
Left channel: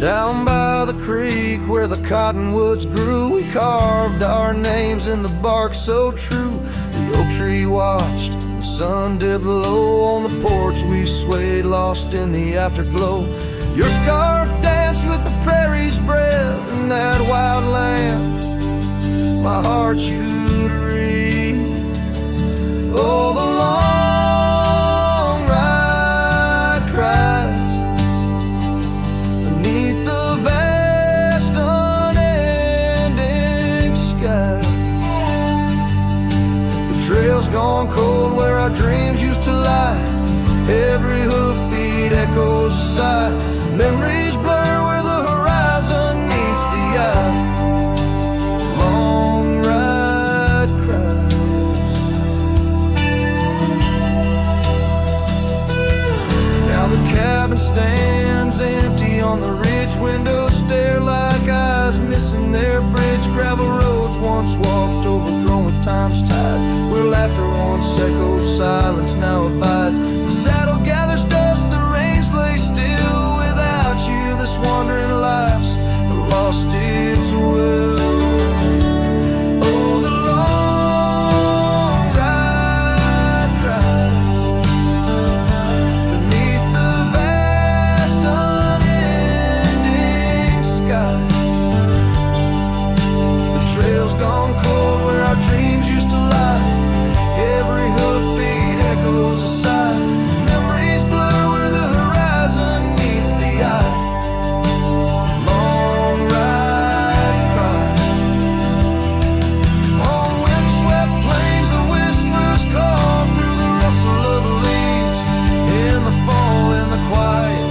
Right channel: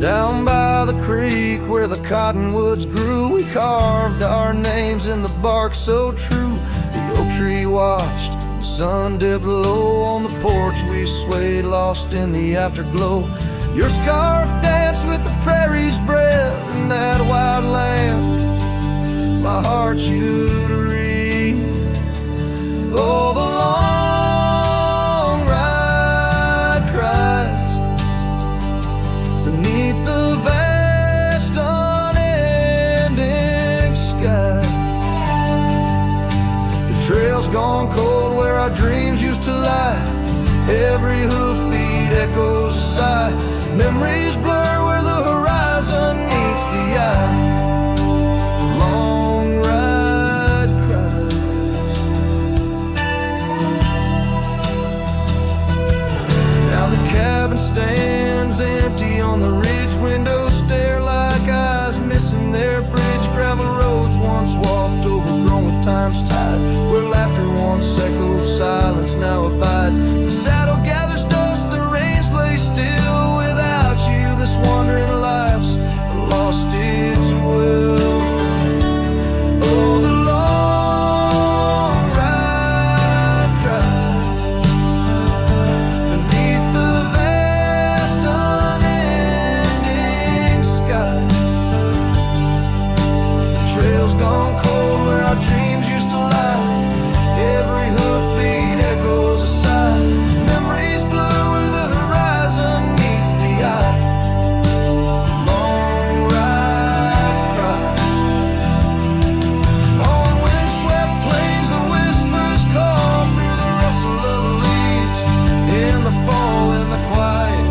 Down by the creek where the cottonwoods grew, we carved our names in the bark so true. The oak tree watched, the sun dipped low. On the porch we swayed, lost in the afterglow. Your scarf danced with the prairie's breath in that wild land, my heart you to wreathe. Oh, the long ride cries beneath the vast unending sky. The trail's gone cold where our dreams used to lie. Every hoofbeat echoes a sigh. Memories blur where the horizon meets the eye. The long ride cries. Now the cabin stands empty on the ridge. Windows stare like eyes missing their bridge. Gravel roads once walked, overgrown with time's tide, where laughter once echoed, silence now abides. The saddle gathers dust, the reins lay still. Without you this wandering life's lost its will. Oh, the long ride cries beneath the vast unending sky. The trail's gone cold where our dreams used to lie. Every hoofbeat echoes a sigh. Memories blur where the horizon meets the eye. Long ride cries. the fall, in the quiet,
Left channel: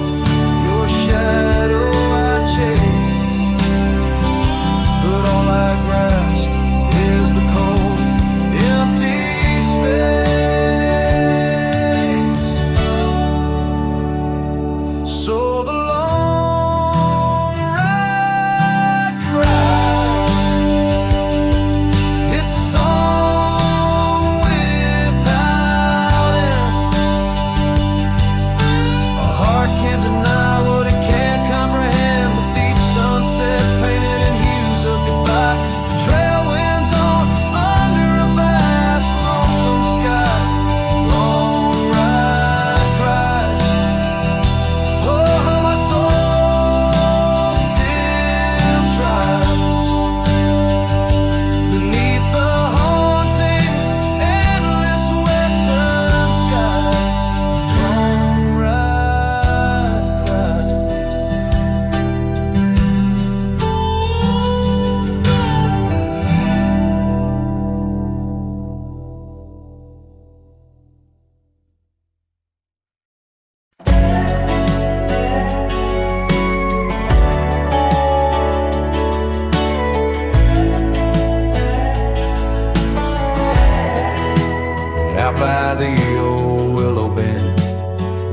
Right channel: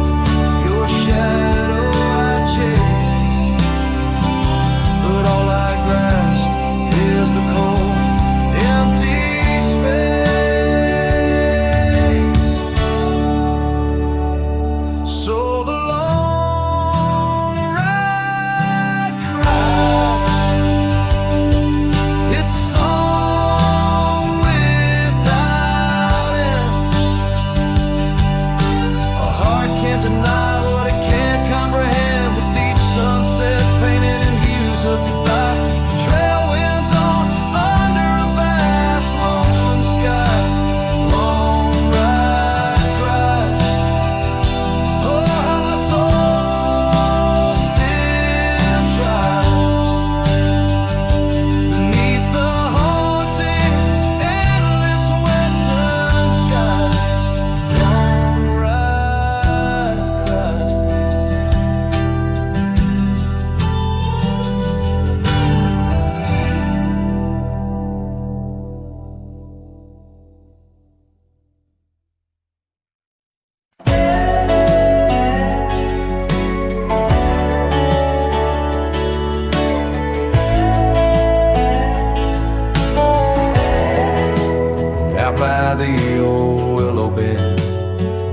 your shadow I chase. But all I grasp is the cold, empty space. So the long ride cries. It's a song without end. A heart can't deny what it can't comprehend. With each sunset painted in hues of goodbye, the trail winds on under a vast lonesome sky. Long ride cries. Oh, how my soul still tries beneath the haunting endless western skies. Long ride cries. Out by the old willow bend,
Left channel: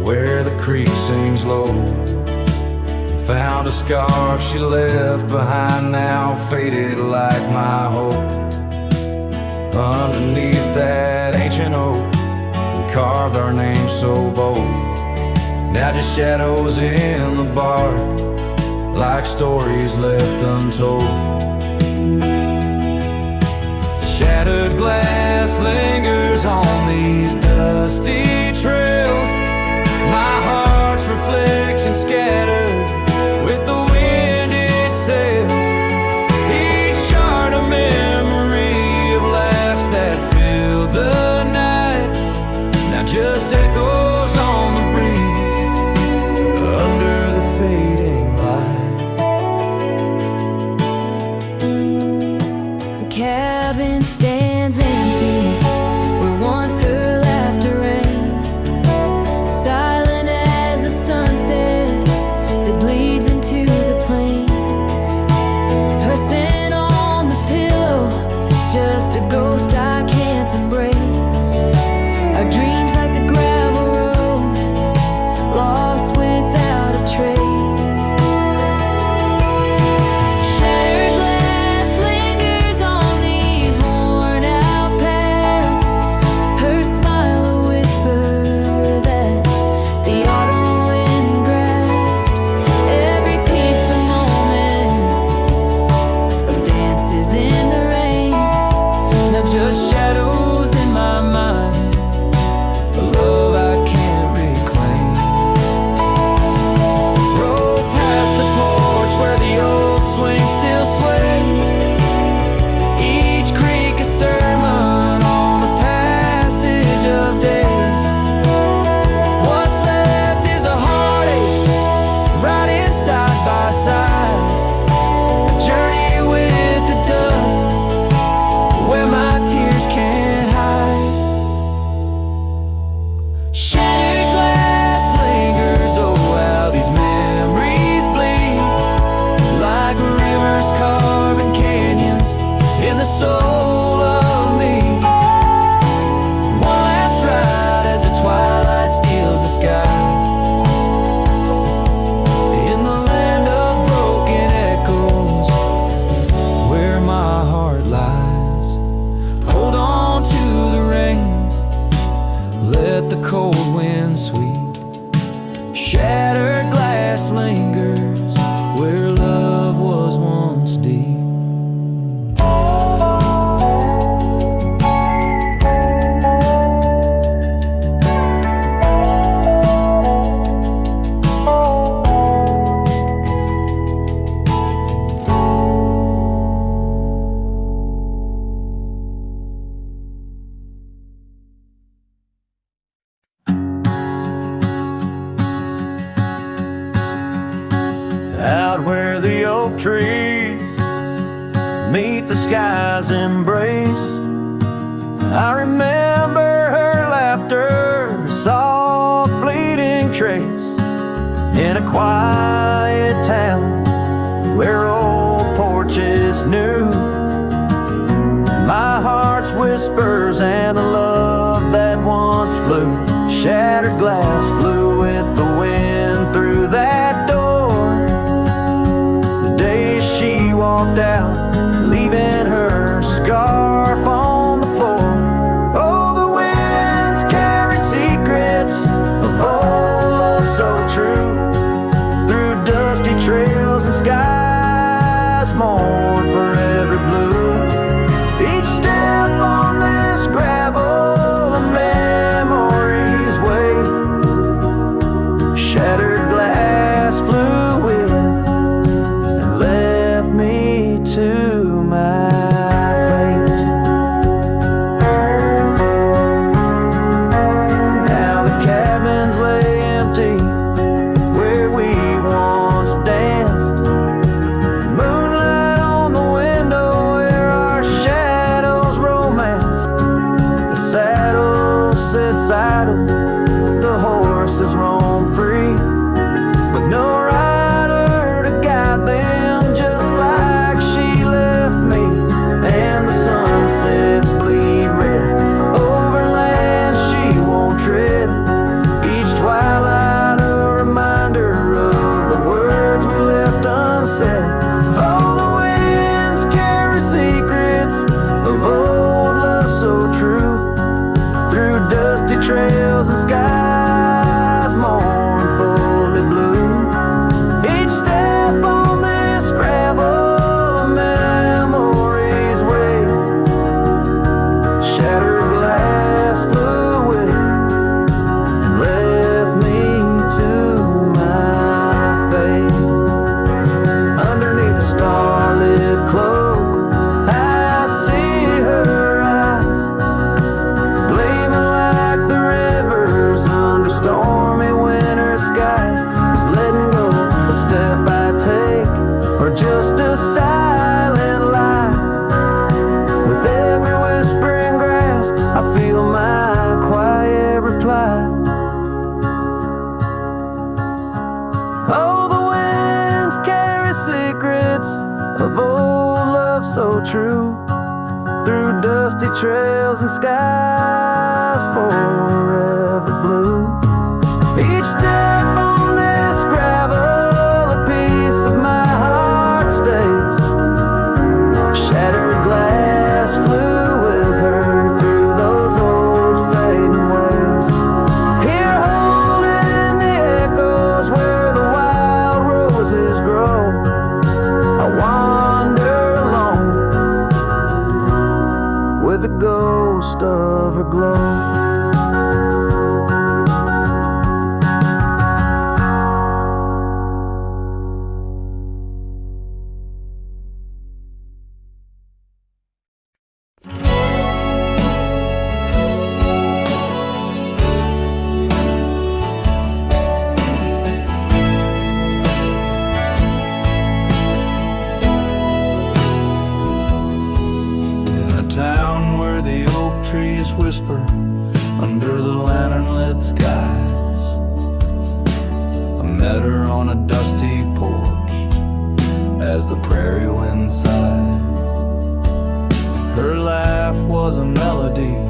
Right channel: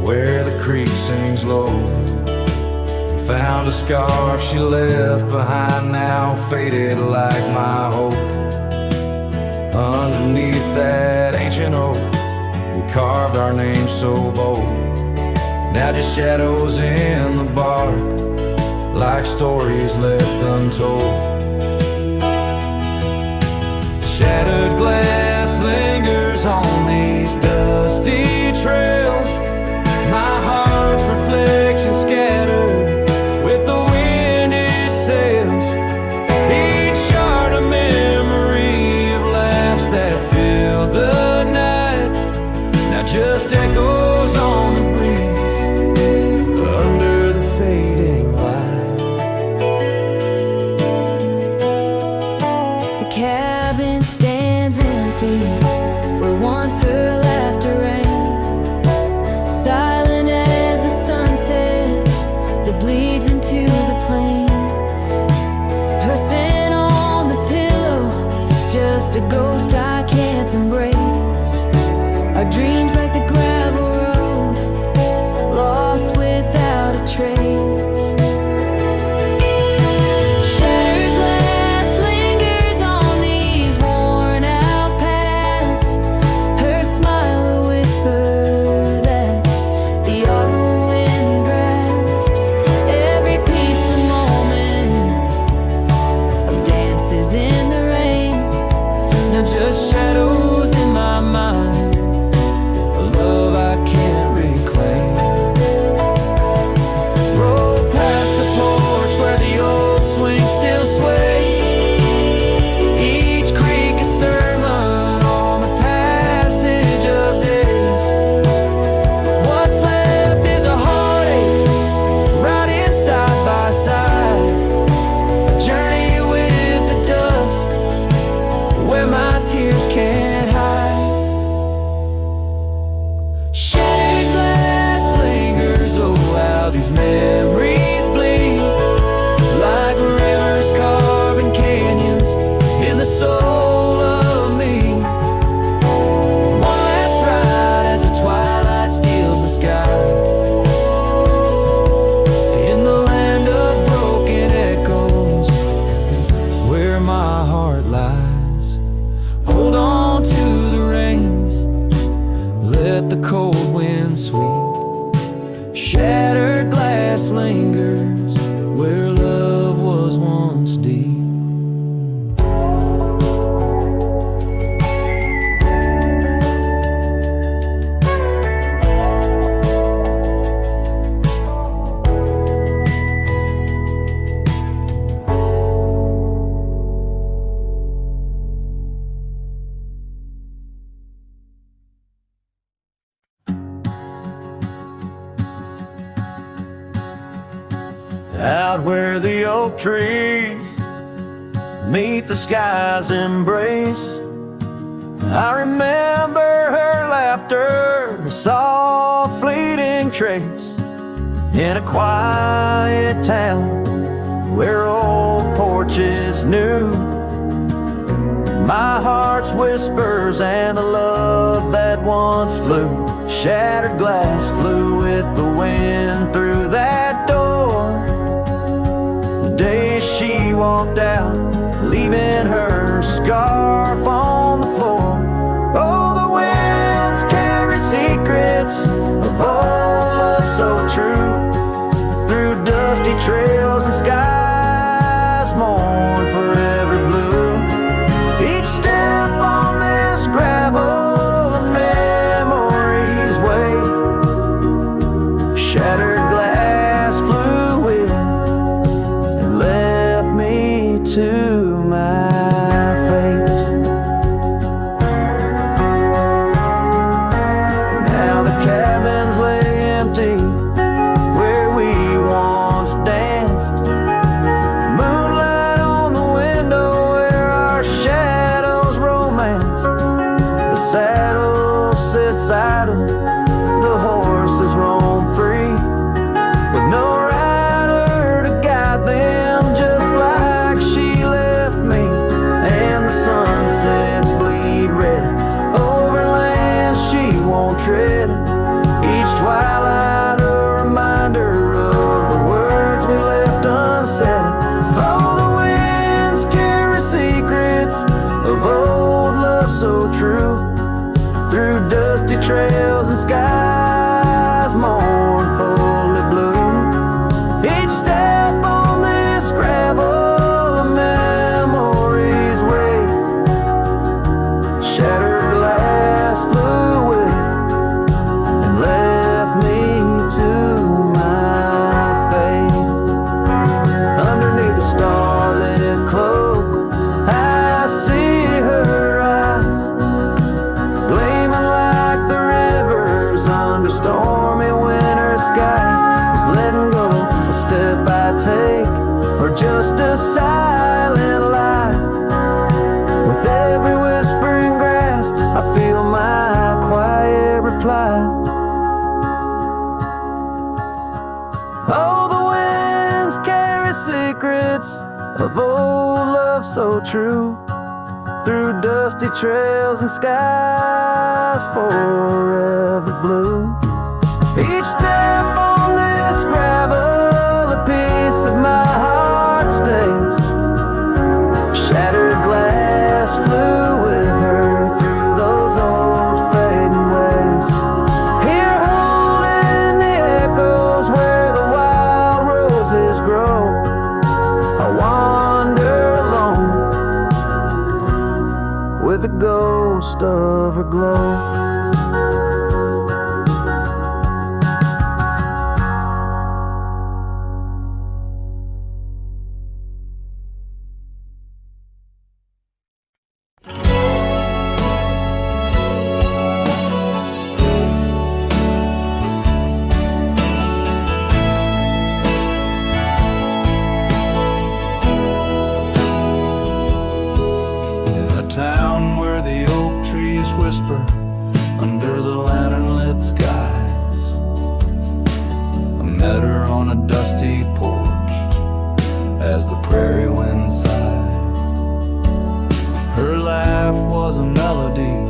where the creek sings low, found a scarf she left behind, now faded like my hope. Underneath that ancient oak, we carved our names so bold. Now just shadows in the bark, like stories left untold. Shattered glass lingers on these dusty trails, my heart's reflection scattered with the wind it sails. Each shard a memory of laughs that filled the night, now just echoes on the breeze under the fading light. The cabin stands empty where once her laughter rang, silent as the sunset that bleeds into the plains. Her scent on the pillow, just a ghost I can't embrace. Our dreams like the gravel road, lost without a trace. Shattered glass lingers on these worn out paths, her smile a whisper that the autumn wind grasps. Every piece a moment of dances in the rain, now just shadows in my mind, a love I can't reclaim. Roll past the porch where the old swing still sways, each creek a sermon on the passage of days. What's left is a heartache, riding side by side, a journey with the dust where my tears can't hide. Shattered glass lingers, oh how these memories bleed, like rivers carving canyons in the soul of me. One last ride as the twilight steals the sky, in the land of broken echoes where my heart lies. Hold on to the reins, let the cold wind sweep. Shattered glass lingers where love was once deep. Out where the oak trees meet the sky's embrace, I remember her laughter, a soft fleeting leaving trace in a quiet town where old porches new. My heart's whispers and the love that once flew. Shattered glass flew with the wind through that door. The day she walked out, leaving her scarf on the floor. Oh, the winds carry secrets of old love so true. Through dusty trails and skies mourn forever blue. Each step on this gravel a memory's way. Shattered glass flew with and left me to my fate. Now the cabins lay empty where we once danced. Moonlight on the window where our shadows romanced. The saddle sits idle, the horses roam free, with no rider to guide them, just like she left me. And the sunsets bleed red over lands she won't tread. Each twilight a reminder of the words we left unsaid. Oh, the winds carry secrets of old love so true. Through dusty trails and skies mournfully blue. Each step on this gravel a memory's way. Shattered glass flew away and left me to my fate. Underneath the starlit cloak I see her eyes, gleaming like the rivers under stormy winter skies. Is letting go a step I take, or just a silent lie? With every whispering grass I feel my quiet reply. Oh, the winds carry secrets of old love so true. Through dusty trails and skies forever blue. Each step on this gravel a piece of my heart stays. Shattered glass flew with her through those old fading ways. Here holding the echoes where the wild roses grow, I wander alone with the ghost of her glow. Town where the oak trees whisper under the lantern-lit skies. I met her on a dusty porch as the prairie wind sighed. Her laugh was a melody,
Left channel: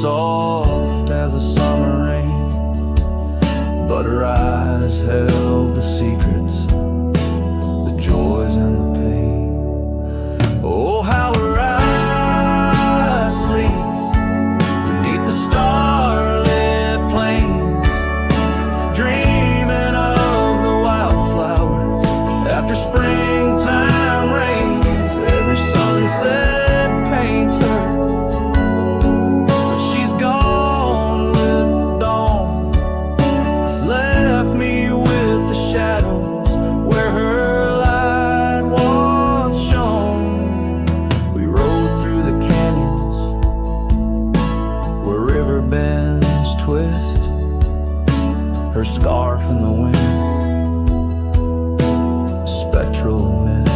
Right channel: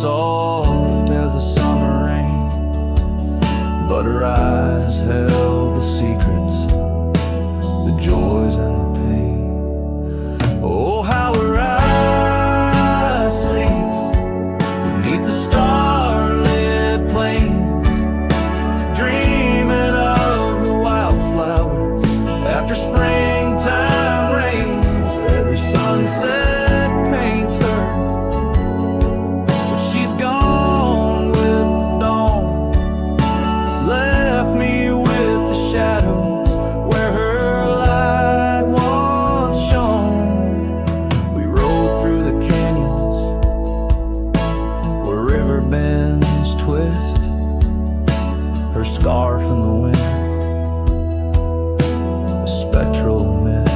soft as a summer rain, but her eyes held the secrets, the joys and the pain. Oh, how her eyes sleep beneath the starlit plain, dreaming of the wildflowers after springtime rains. Every sunset paints her, but she's gone with the dawn, left me with the shadows where her light once shone. We rode through the canyons where river bends twist, her scarf in the wind, a spectral mist.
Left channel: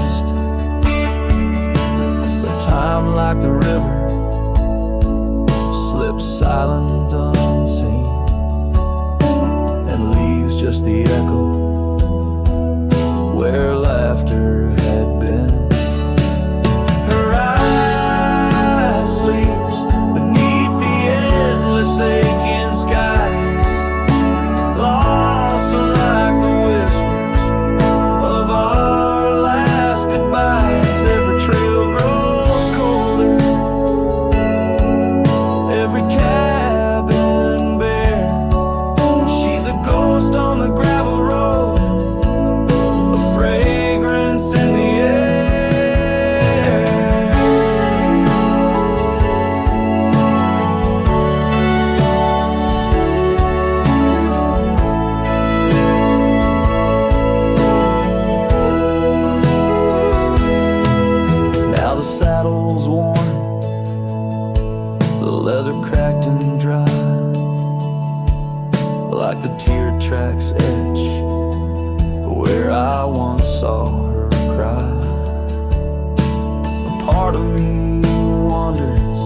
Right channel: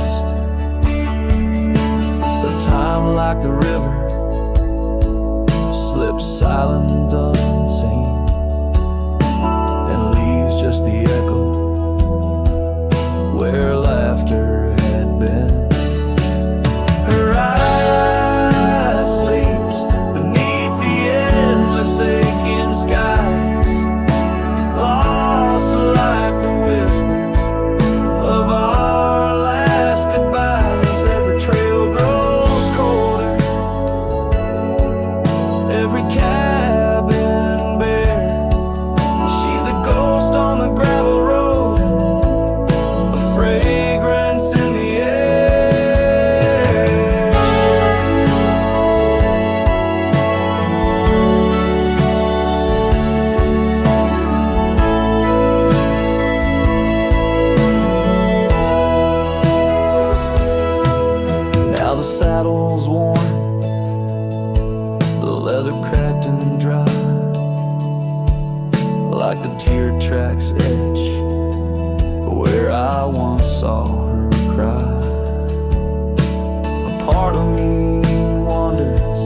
But time, like the river, slips silent unseen. just the echo where laughter had been. Her eye sleeps beneath the endless aching skies, lost like the whispers of our last goodbyes. Every trail grows colder, every cabin bare. She's a ghost on the gravel road, a fragrance in the air. Now the saddle's worn, the leather cracked and dry, like the tear tracks etch where I once saw her cry. A part of me wonders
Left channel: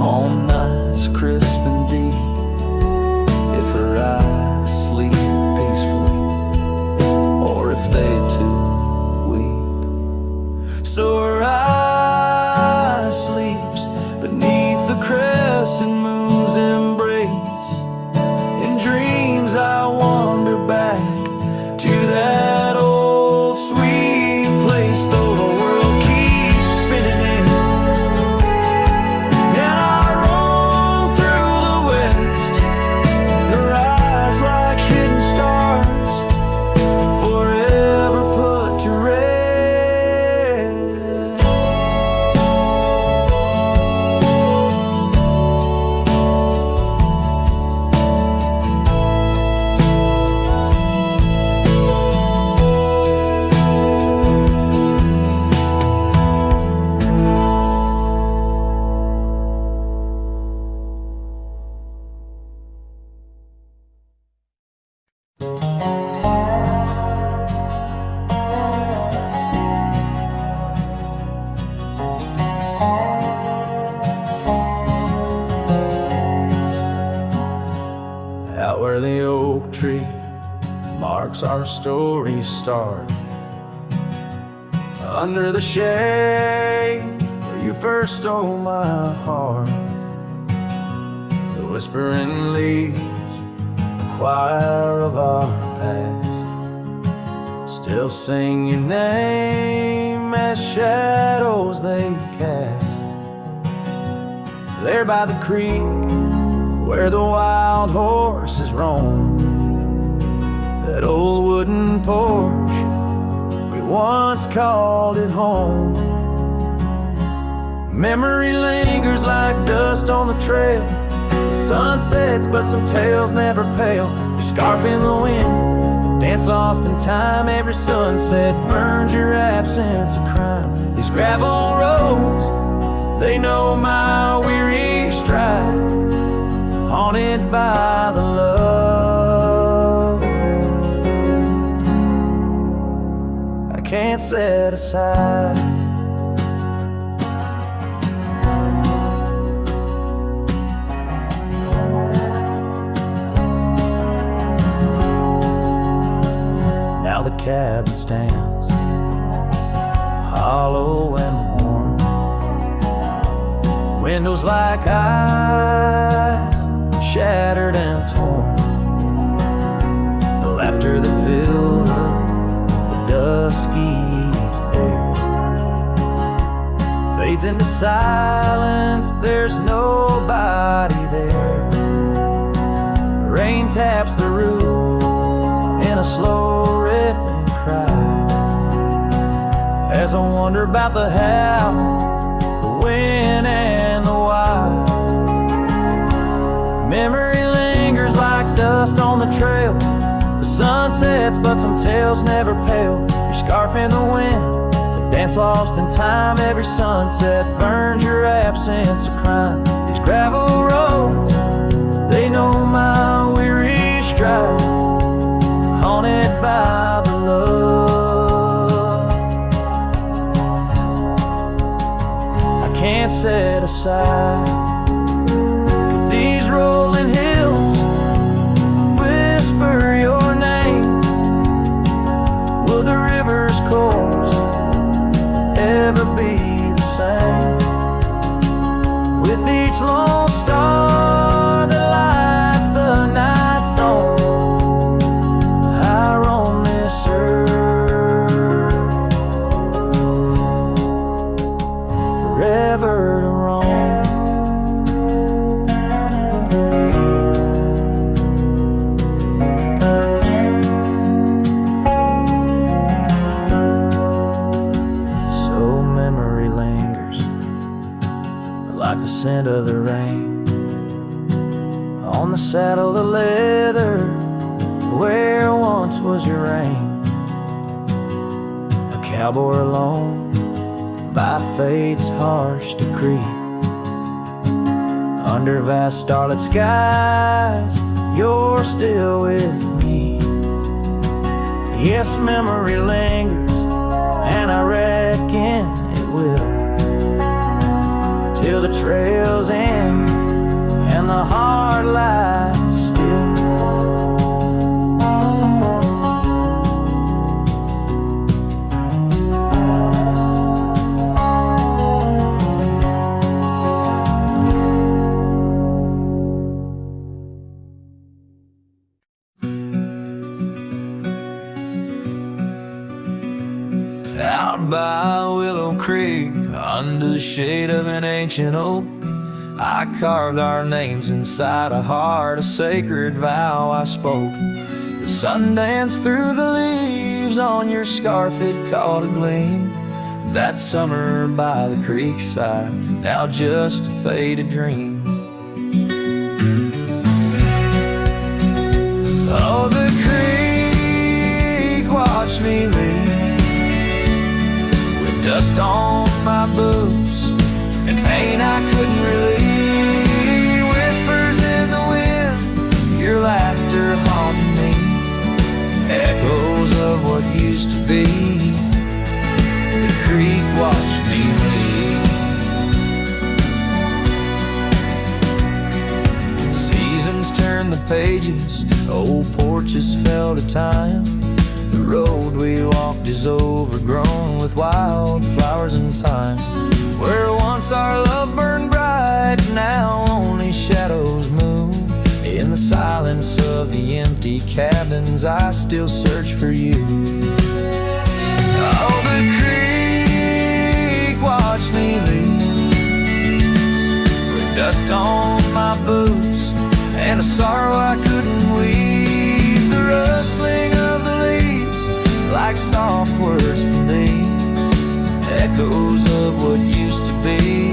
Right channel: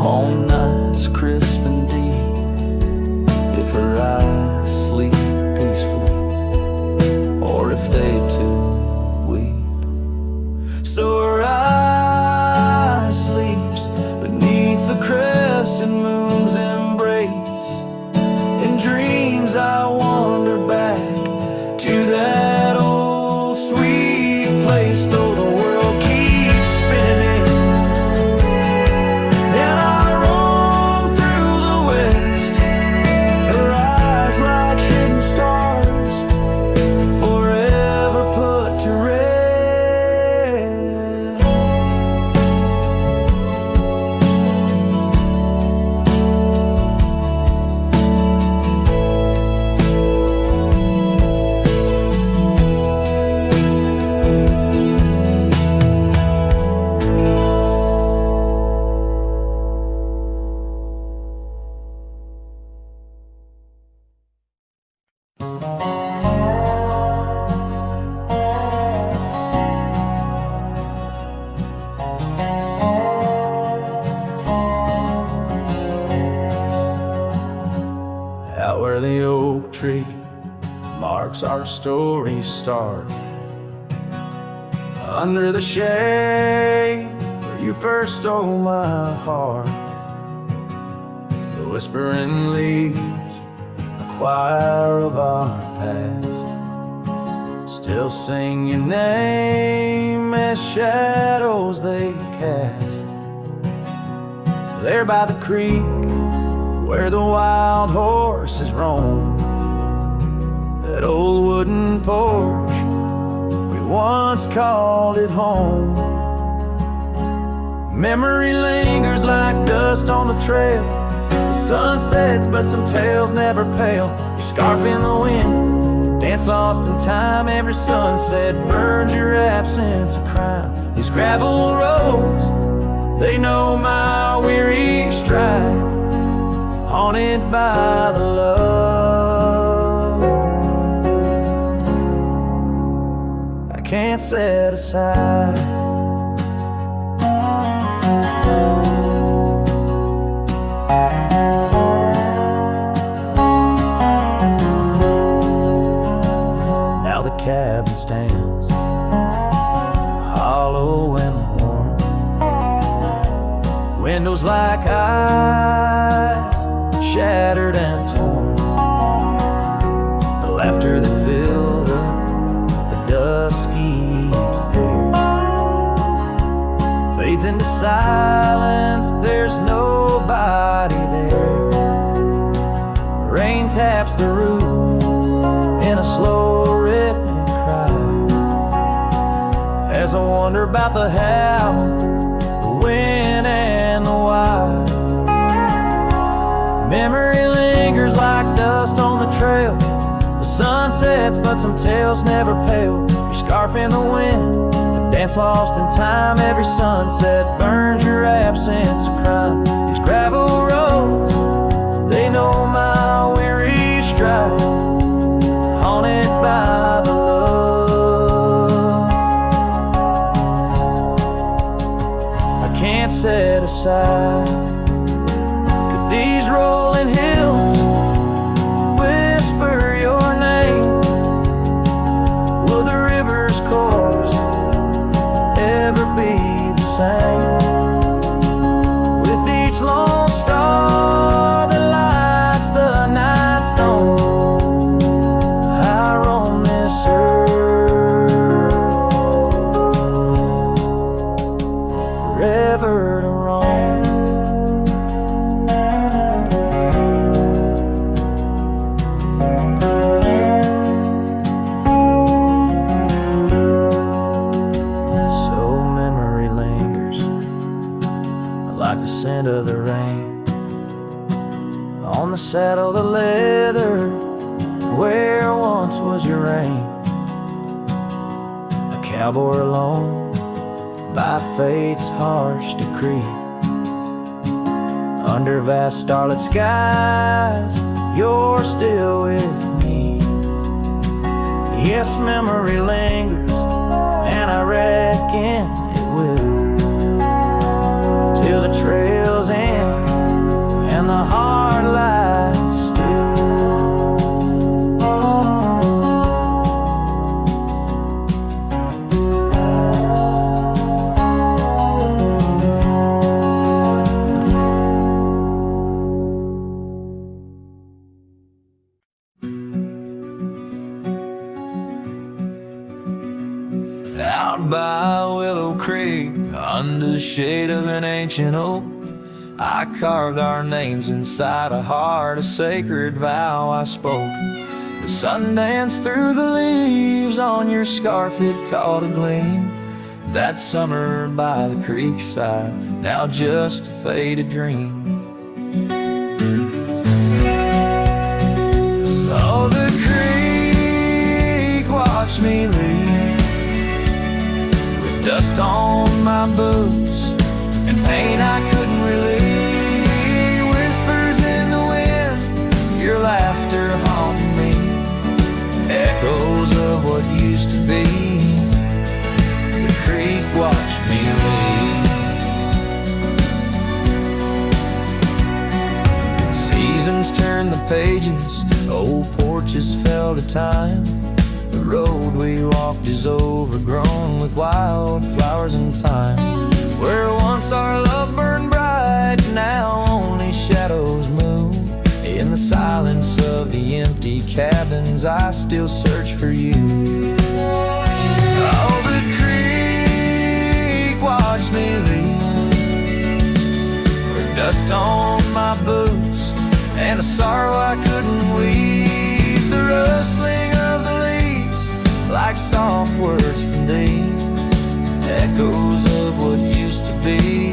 on nights crisp and deep if her eyes sleep peacefully or if they too weep. So her eye sleeps beneath the crescent moon's embrace. In dreams I wander back to that old sweet place, though the world keeps spinning in, and I roam through the west. Her eyes like hidden stars, forever put to rest. Out where the oak tree marks our story's start, under the shade where you first stole my heart, the whispering leaves, the choir of our past, still sing your name as shadows they cast. There by the creek where the wild horses roam, that old wooden porch, we once called it home. Memory lingers like dust on the trail, the sun sets but some tales never pale. Your scarf in the wind, a dance lost in time. Every sunset burns your absence a crime. These gravel roads, they know my weary stride, haunted by the love I can't set aside. Now the cabin stands hollow and warm, windows like eyes shattered and torn. The laughter that filled up the dusky eve's air fades into silence, there's nobody there. Rain taps the roof in a slow rhythmic cry, as I wonder about the how, the when and the why. Memory lingers like dust on the trail, the sun sets but some tales never pale. Your scarf in the wind, the dance lost in time. Every sunset burns your absence a crime. These gravel roads, they know my weary stride, haunted by the love I can't set aside. These rolling hills whisper your same. With each lone star that lights the night stone, I roam this earth forever to roam. So memory lingers like the scent of the rain on the saddle, the leather where once was your reign. A cowboy alone by fate's harsh decree, under vast starlit skies, you're still with me. Yes, memory lingers, and I reckon it will, till the trails end and the heart lies still. Out by Willow Creek, under the shade of an ancient oak, I carved our names inside a heart, a sacred vow I spoke. The sun danced through the leaves on your scarf, it caught a gleam. That summer by the creek side, now just a faded dream. Oh, the creek watched me leave, with dust on my boots and pain I couldn't relieve. Whispers in the wind, your laughter haunting me, echoes of what used to be. The creek watched me leave. Seasons turn the pages, old porches fell to time. The road we walked is overgrown with wildflowers and thyme. Where once our love burned bright, now only shadows move. In the silence of the empty cabins, I still search for you. Oh, the creek watched me leave, with dust on my boots and a sorrow I couldn't weave. The rustling of the leaves, like soft words from thee, echoes of what used to be.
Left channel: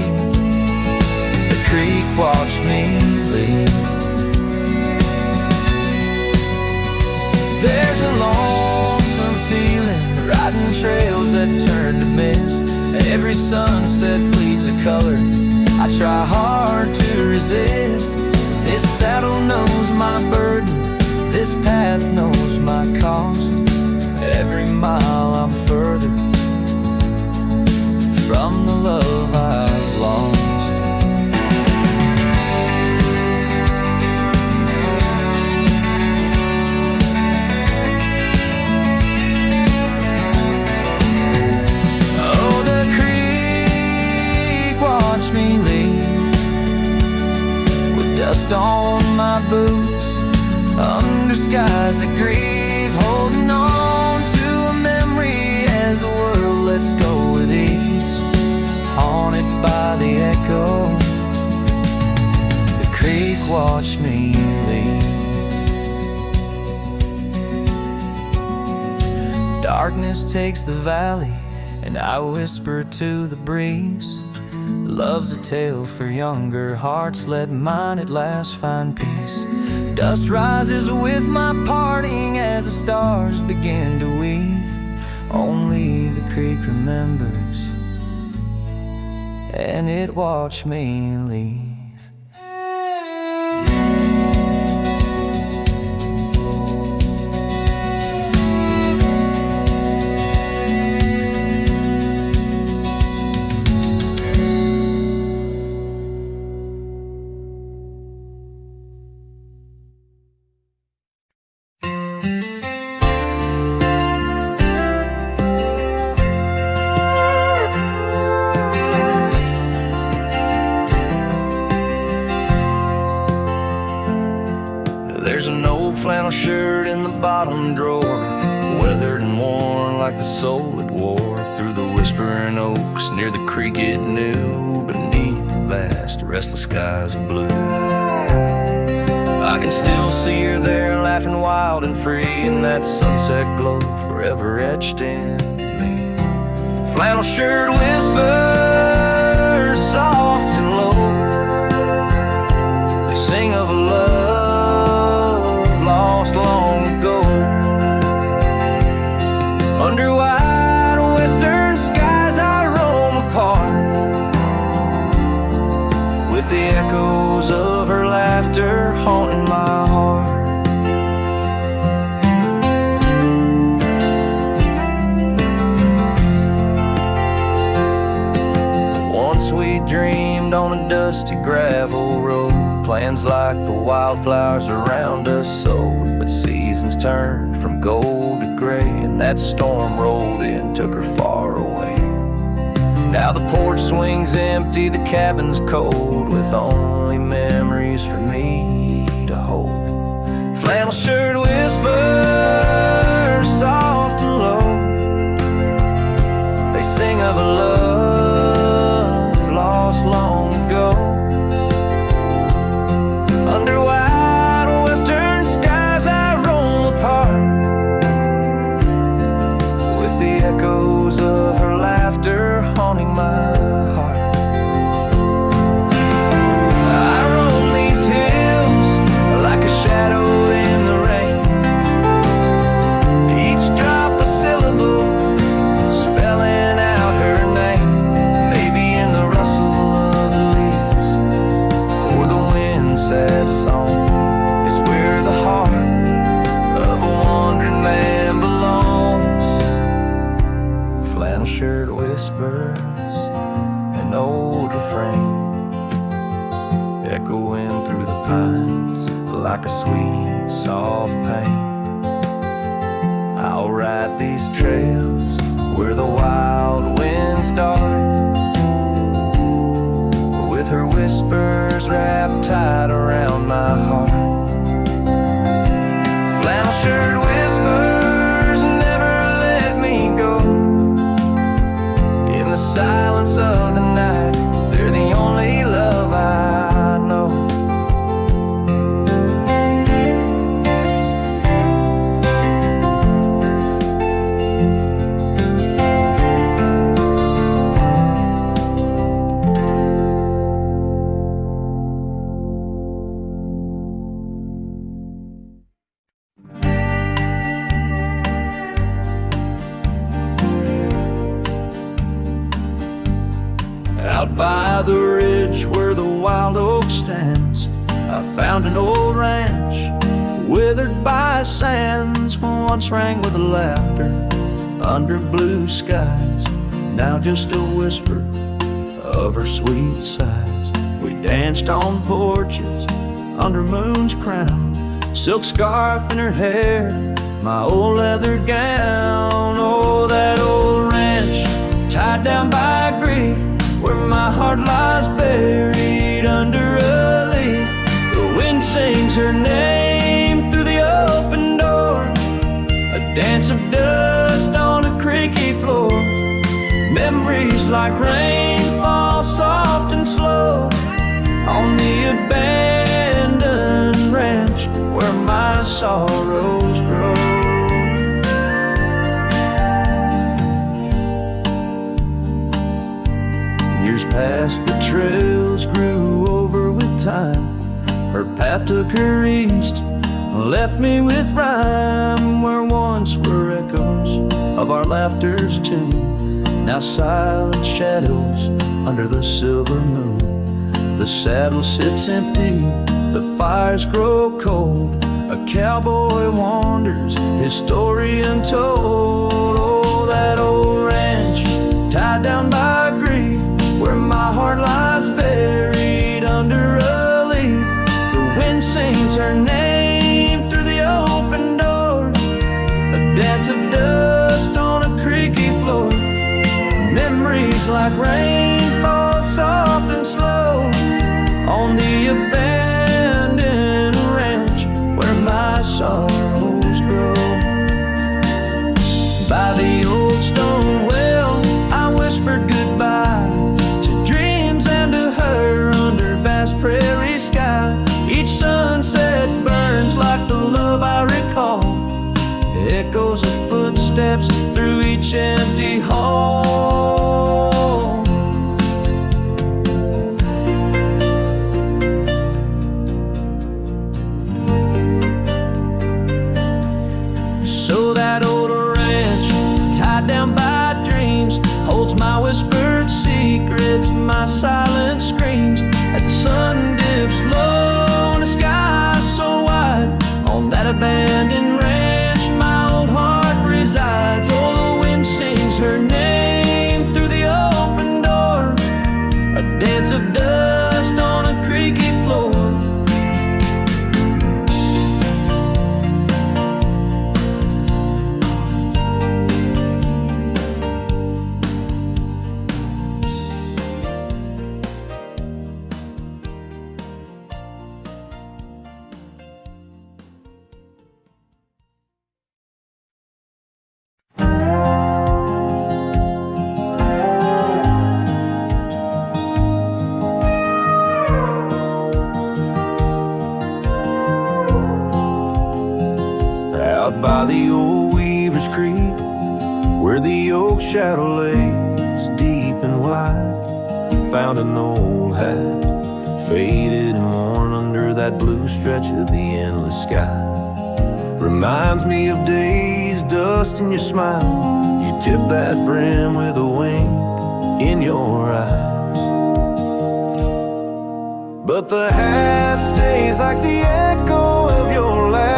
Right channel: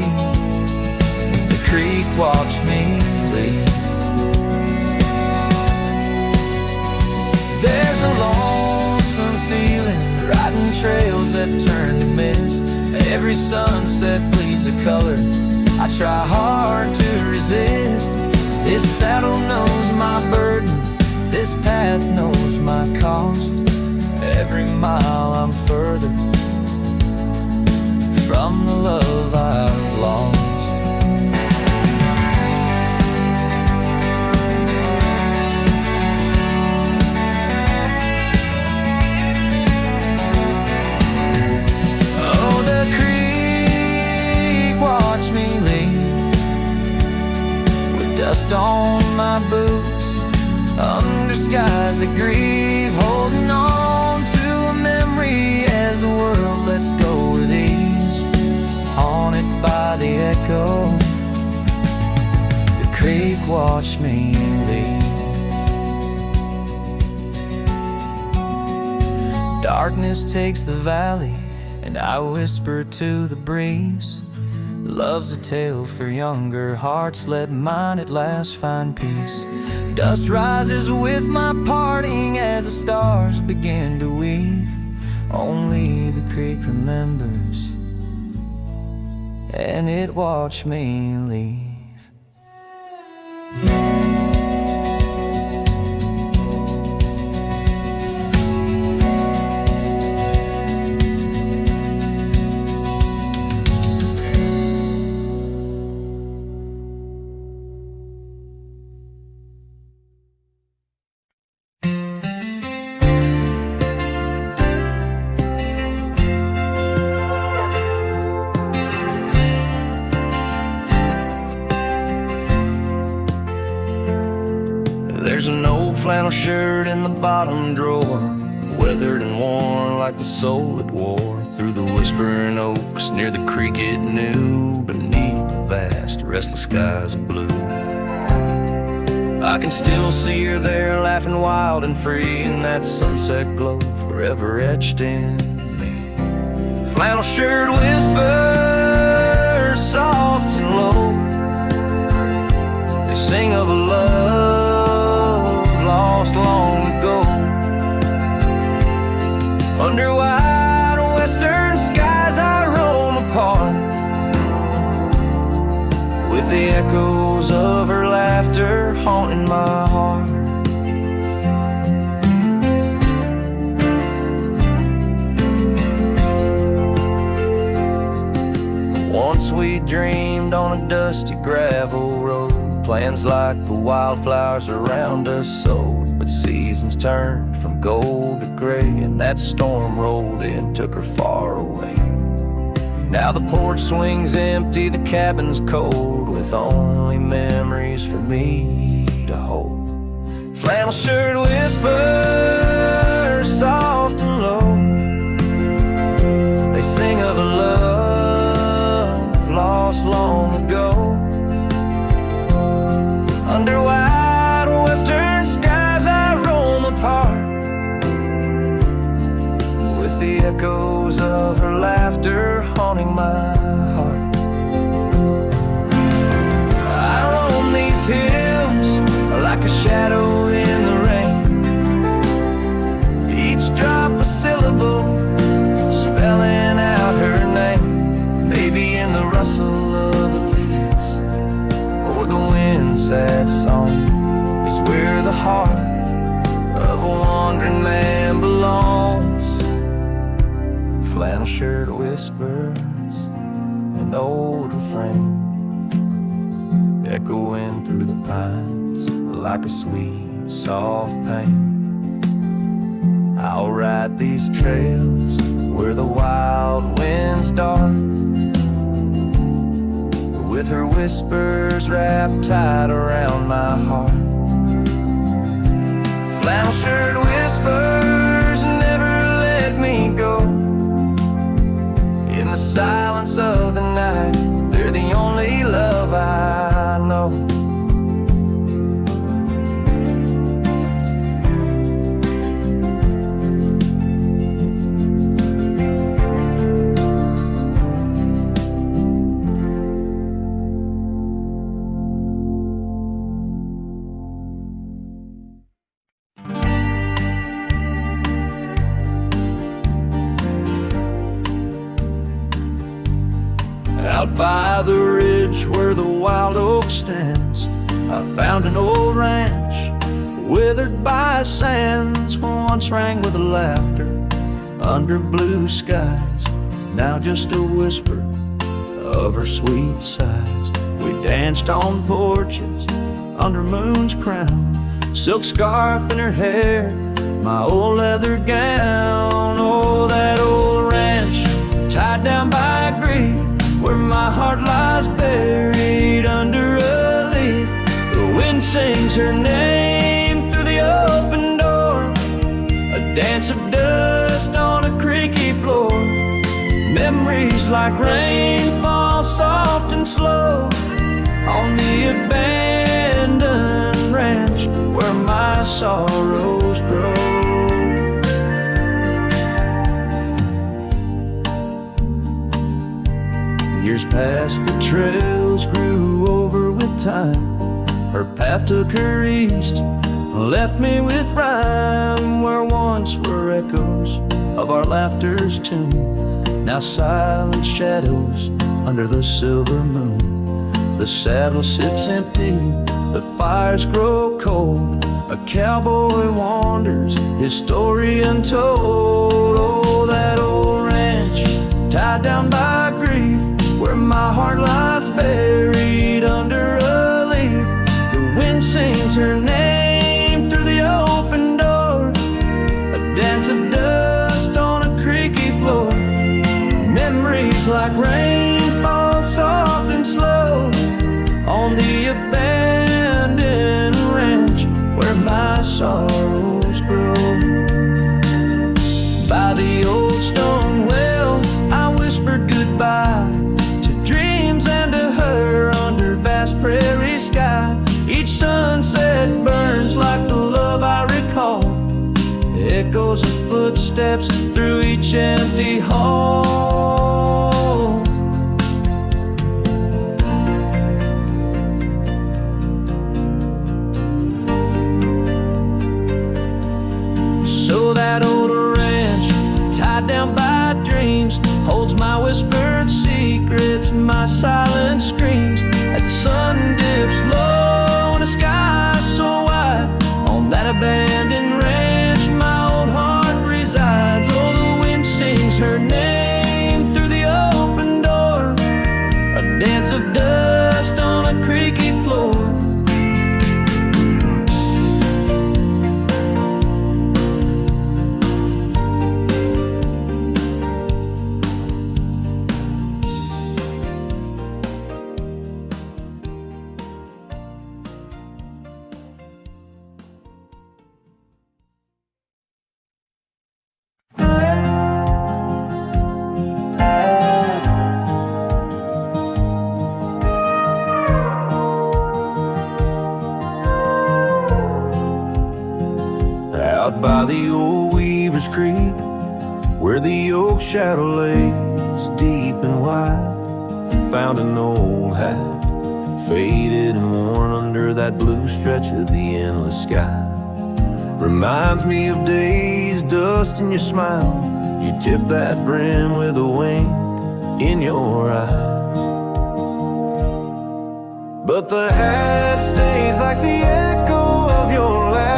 The creek watched me leave. There's a lonesome feeling, riding trails that turn to mist. Every sunset bleeds a color I try hard to resist. This saddle knows my burden, this path knows my cost. Every mile I'm further from the love I've lost. Oh, the creek watched me leave, with dust on my boots, under skies that grieve, holding on to a memory as the world lets go with ease, haunted by the echo. The creek watched me leave. Darkness takes the valley, and I whisper to the breeze, love's a tale for younger hearts, let mine at last find peace. Dust rises with my parting as the stars begin to weave. Only the creek remembers, and it watched me leave. There's an old flannel shirt in the bottom drawer, weathered and worn like the soul it wore through the whispering oaks near the creek it knew, beneath the vast restless skies of blue. I can still see her there, laughing wild and free in that sunset glow forever etched in me. Flannel shirt whispers soft and low, they sing of a love lost long ago. Under wide western skies I roam apart, with the echoes of her laughter haunting my heart. Once we dreamed on a dusty gravel road, plans like the wildflowers around us sowed, but seasons turned from gold to gray, and that storm rolled in, took her far away. Now the porch swings empty, the cabin's cold, with only memories for me to hold. Flannel shirt whispers soft and low, they sing of a love lost long ago. Under wide western skies I roam apart, with the echoes of her laughter haunting my heart. I roam these hills like a shadow in the rain, each drop a syllable spelling out her name. Maybe in the rustle of the leaves or the wind's sad song is where the heart of a wandering man belongs. Flannel shirt whispers, an old refrain, echoing through the pines like a sweet, soft pain. I'll ride these trails where the wild winds dart, with her whispers wrapped tight around my heart. Flannel shirt whispers never let me go. In the silence of the night, they're the only love I know. Out by the ridge where the wild oak stands, I found an old ranch, withered by sands, once rang with laughter under blue skies, now just a whisper of her sweet sighs. We danced on porches under moon's crown, silk scarf in her hair, my old leather gown. Oh, that old ranch tied down by grief, where my heart lies buried under a leaf. The wind sings her name through the open door, a dance of dust on a creaky floor. Memories like rain fall soft and slow on the abandoned ranch where my sorrows grow. Years passed, the trails grew over with time. Her path took her east, left me with rhyme, where once were echoes of our laughter's tune, now silent shadows under the silver moon. The saddle sits empty, the fires grow cold, a cowboy wanders, his story untold. Oh, that old ranch tied down by grief, where my heart lies buried under a leaf. The wind sings her name through the open door, a dance of dust on a creaky floor. Memories like rain fall soft and slow on the abandoned ranch where my sorrows grow. By the old stone well, I whispered goodbye to dreams and to her under vast prairie sky. Each sunset burns like the love I recall, echoes of footsteps through each empty hall. So that old ranch, tied down by dreams, holds my whispered secrets, my silent screams. As the sun dips low in a sky so wide, on that abandoned ranch my old heart resides. Oh, the wind sings her name through the open door, a dance of dust on a creaky floor. Out by the old Weaver's Creek, where the oak shadow lays deep and wide, found an old hat, faded and worn under that blue stretch of the endless sky. Reminds me of days, dust in your smile. You tip that brim with a wink in your eyes. But the hat stays like the echo of your laughter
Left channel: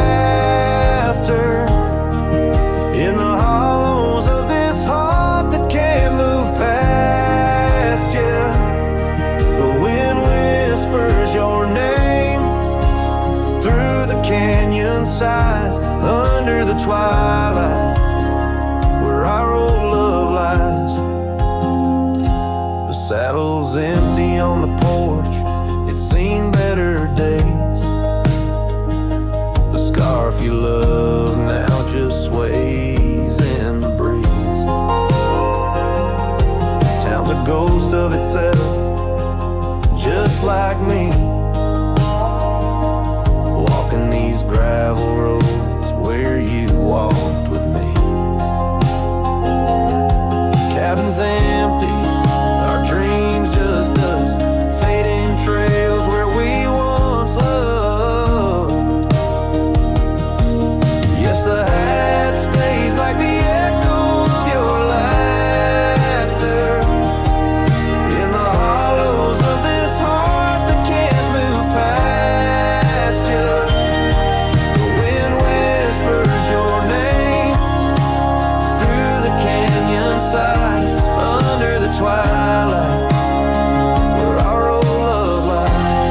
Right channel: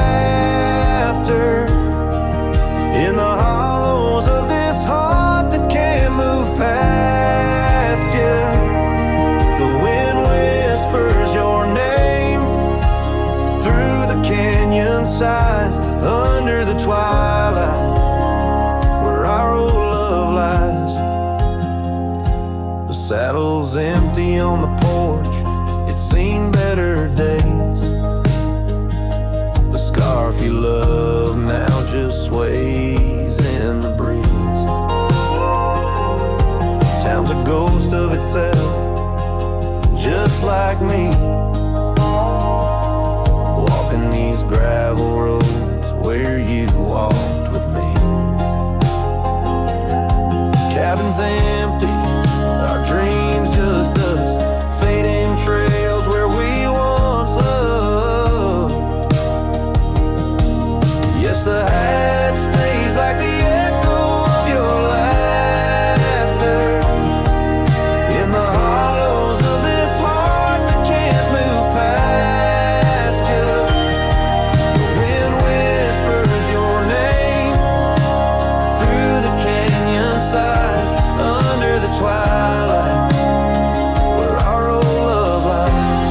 in the hollows of this heart that can't move past you. The wind whispers your name through the canyon sides, under the twilight where our old love lies. The saddle's empty on the porch, it's seen better days. The scarf you love now just sways in the breeze. Town's a ghost of itself, just like me, walking these gravel roads where you walked with me. Cabin's empty, our dreams just dust, fading trails where we once loved. Yes, the hat stays like the echo of your laughter in the hollows of this heart that can't move past you. The wind whispers your name through the canyon sides, under the twilight where our old love lies.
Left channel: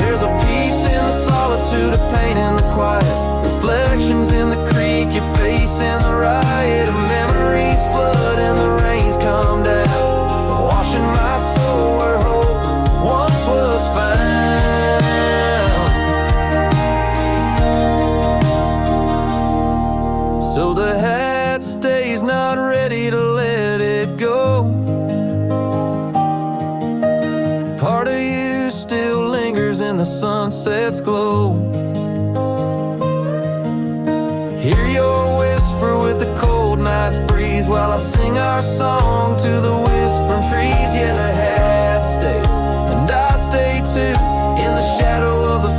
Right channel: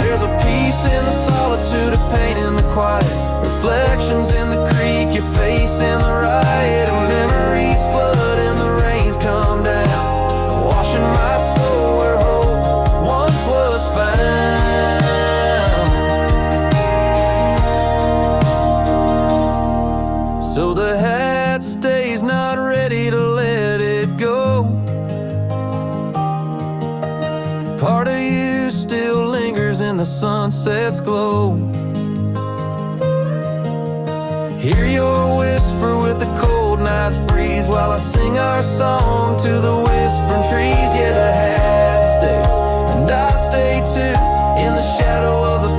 There's a peace in the solitude, a pain in the quiet, reflections in the creek, your face in the riot of memories flood and the rains come down, washing my soul where hope once was found. So the hat stays, not ready to let it go. Part of you still lingers in the sunset's glow. Hear your whisper with the cold night's breeze, while I sing our song to the whispering trees. Yeah, the hat stays, and I stay too, in the shadow of the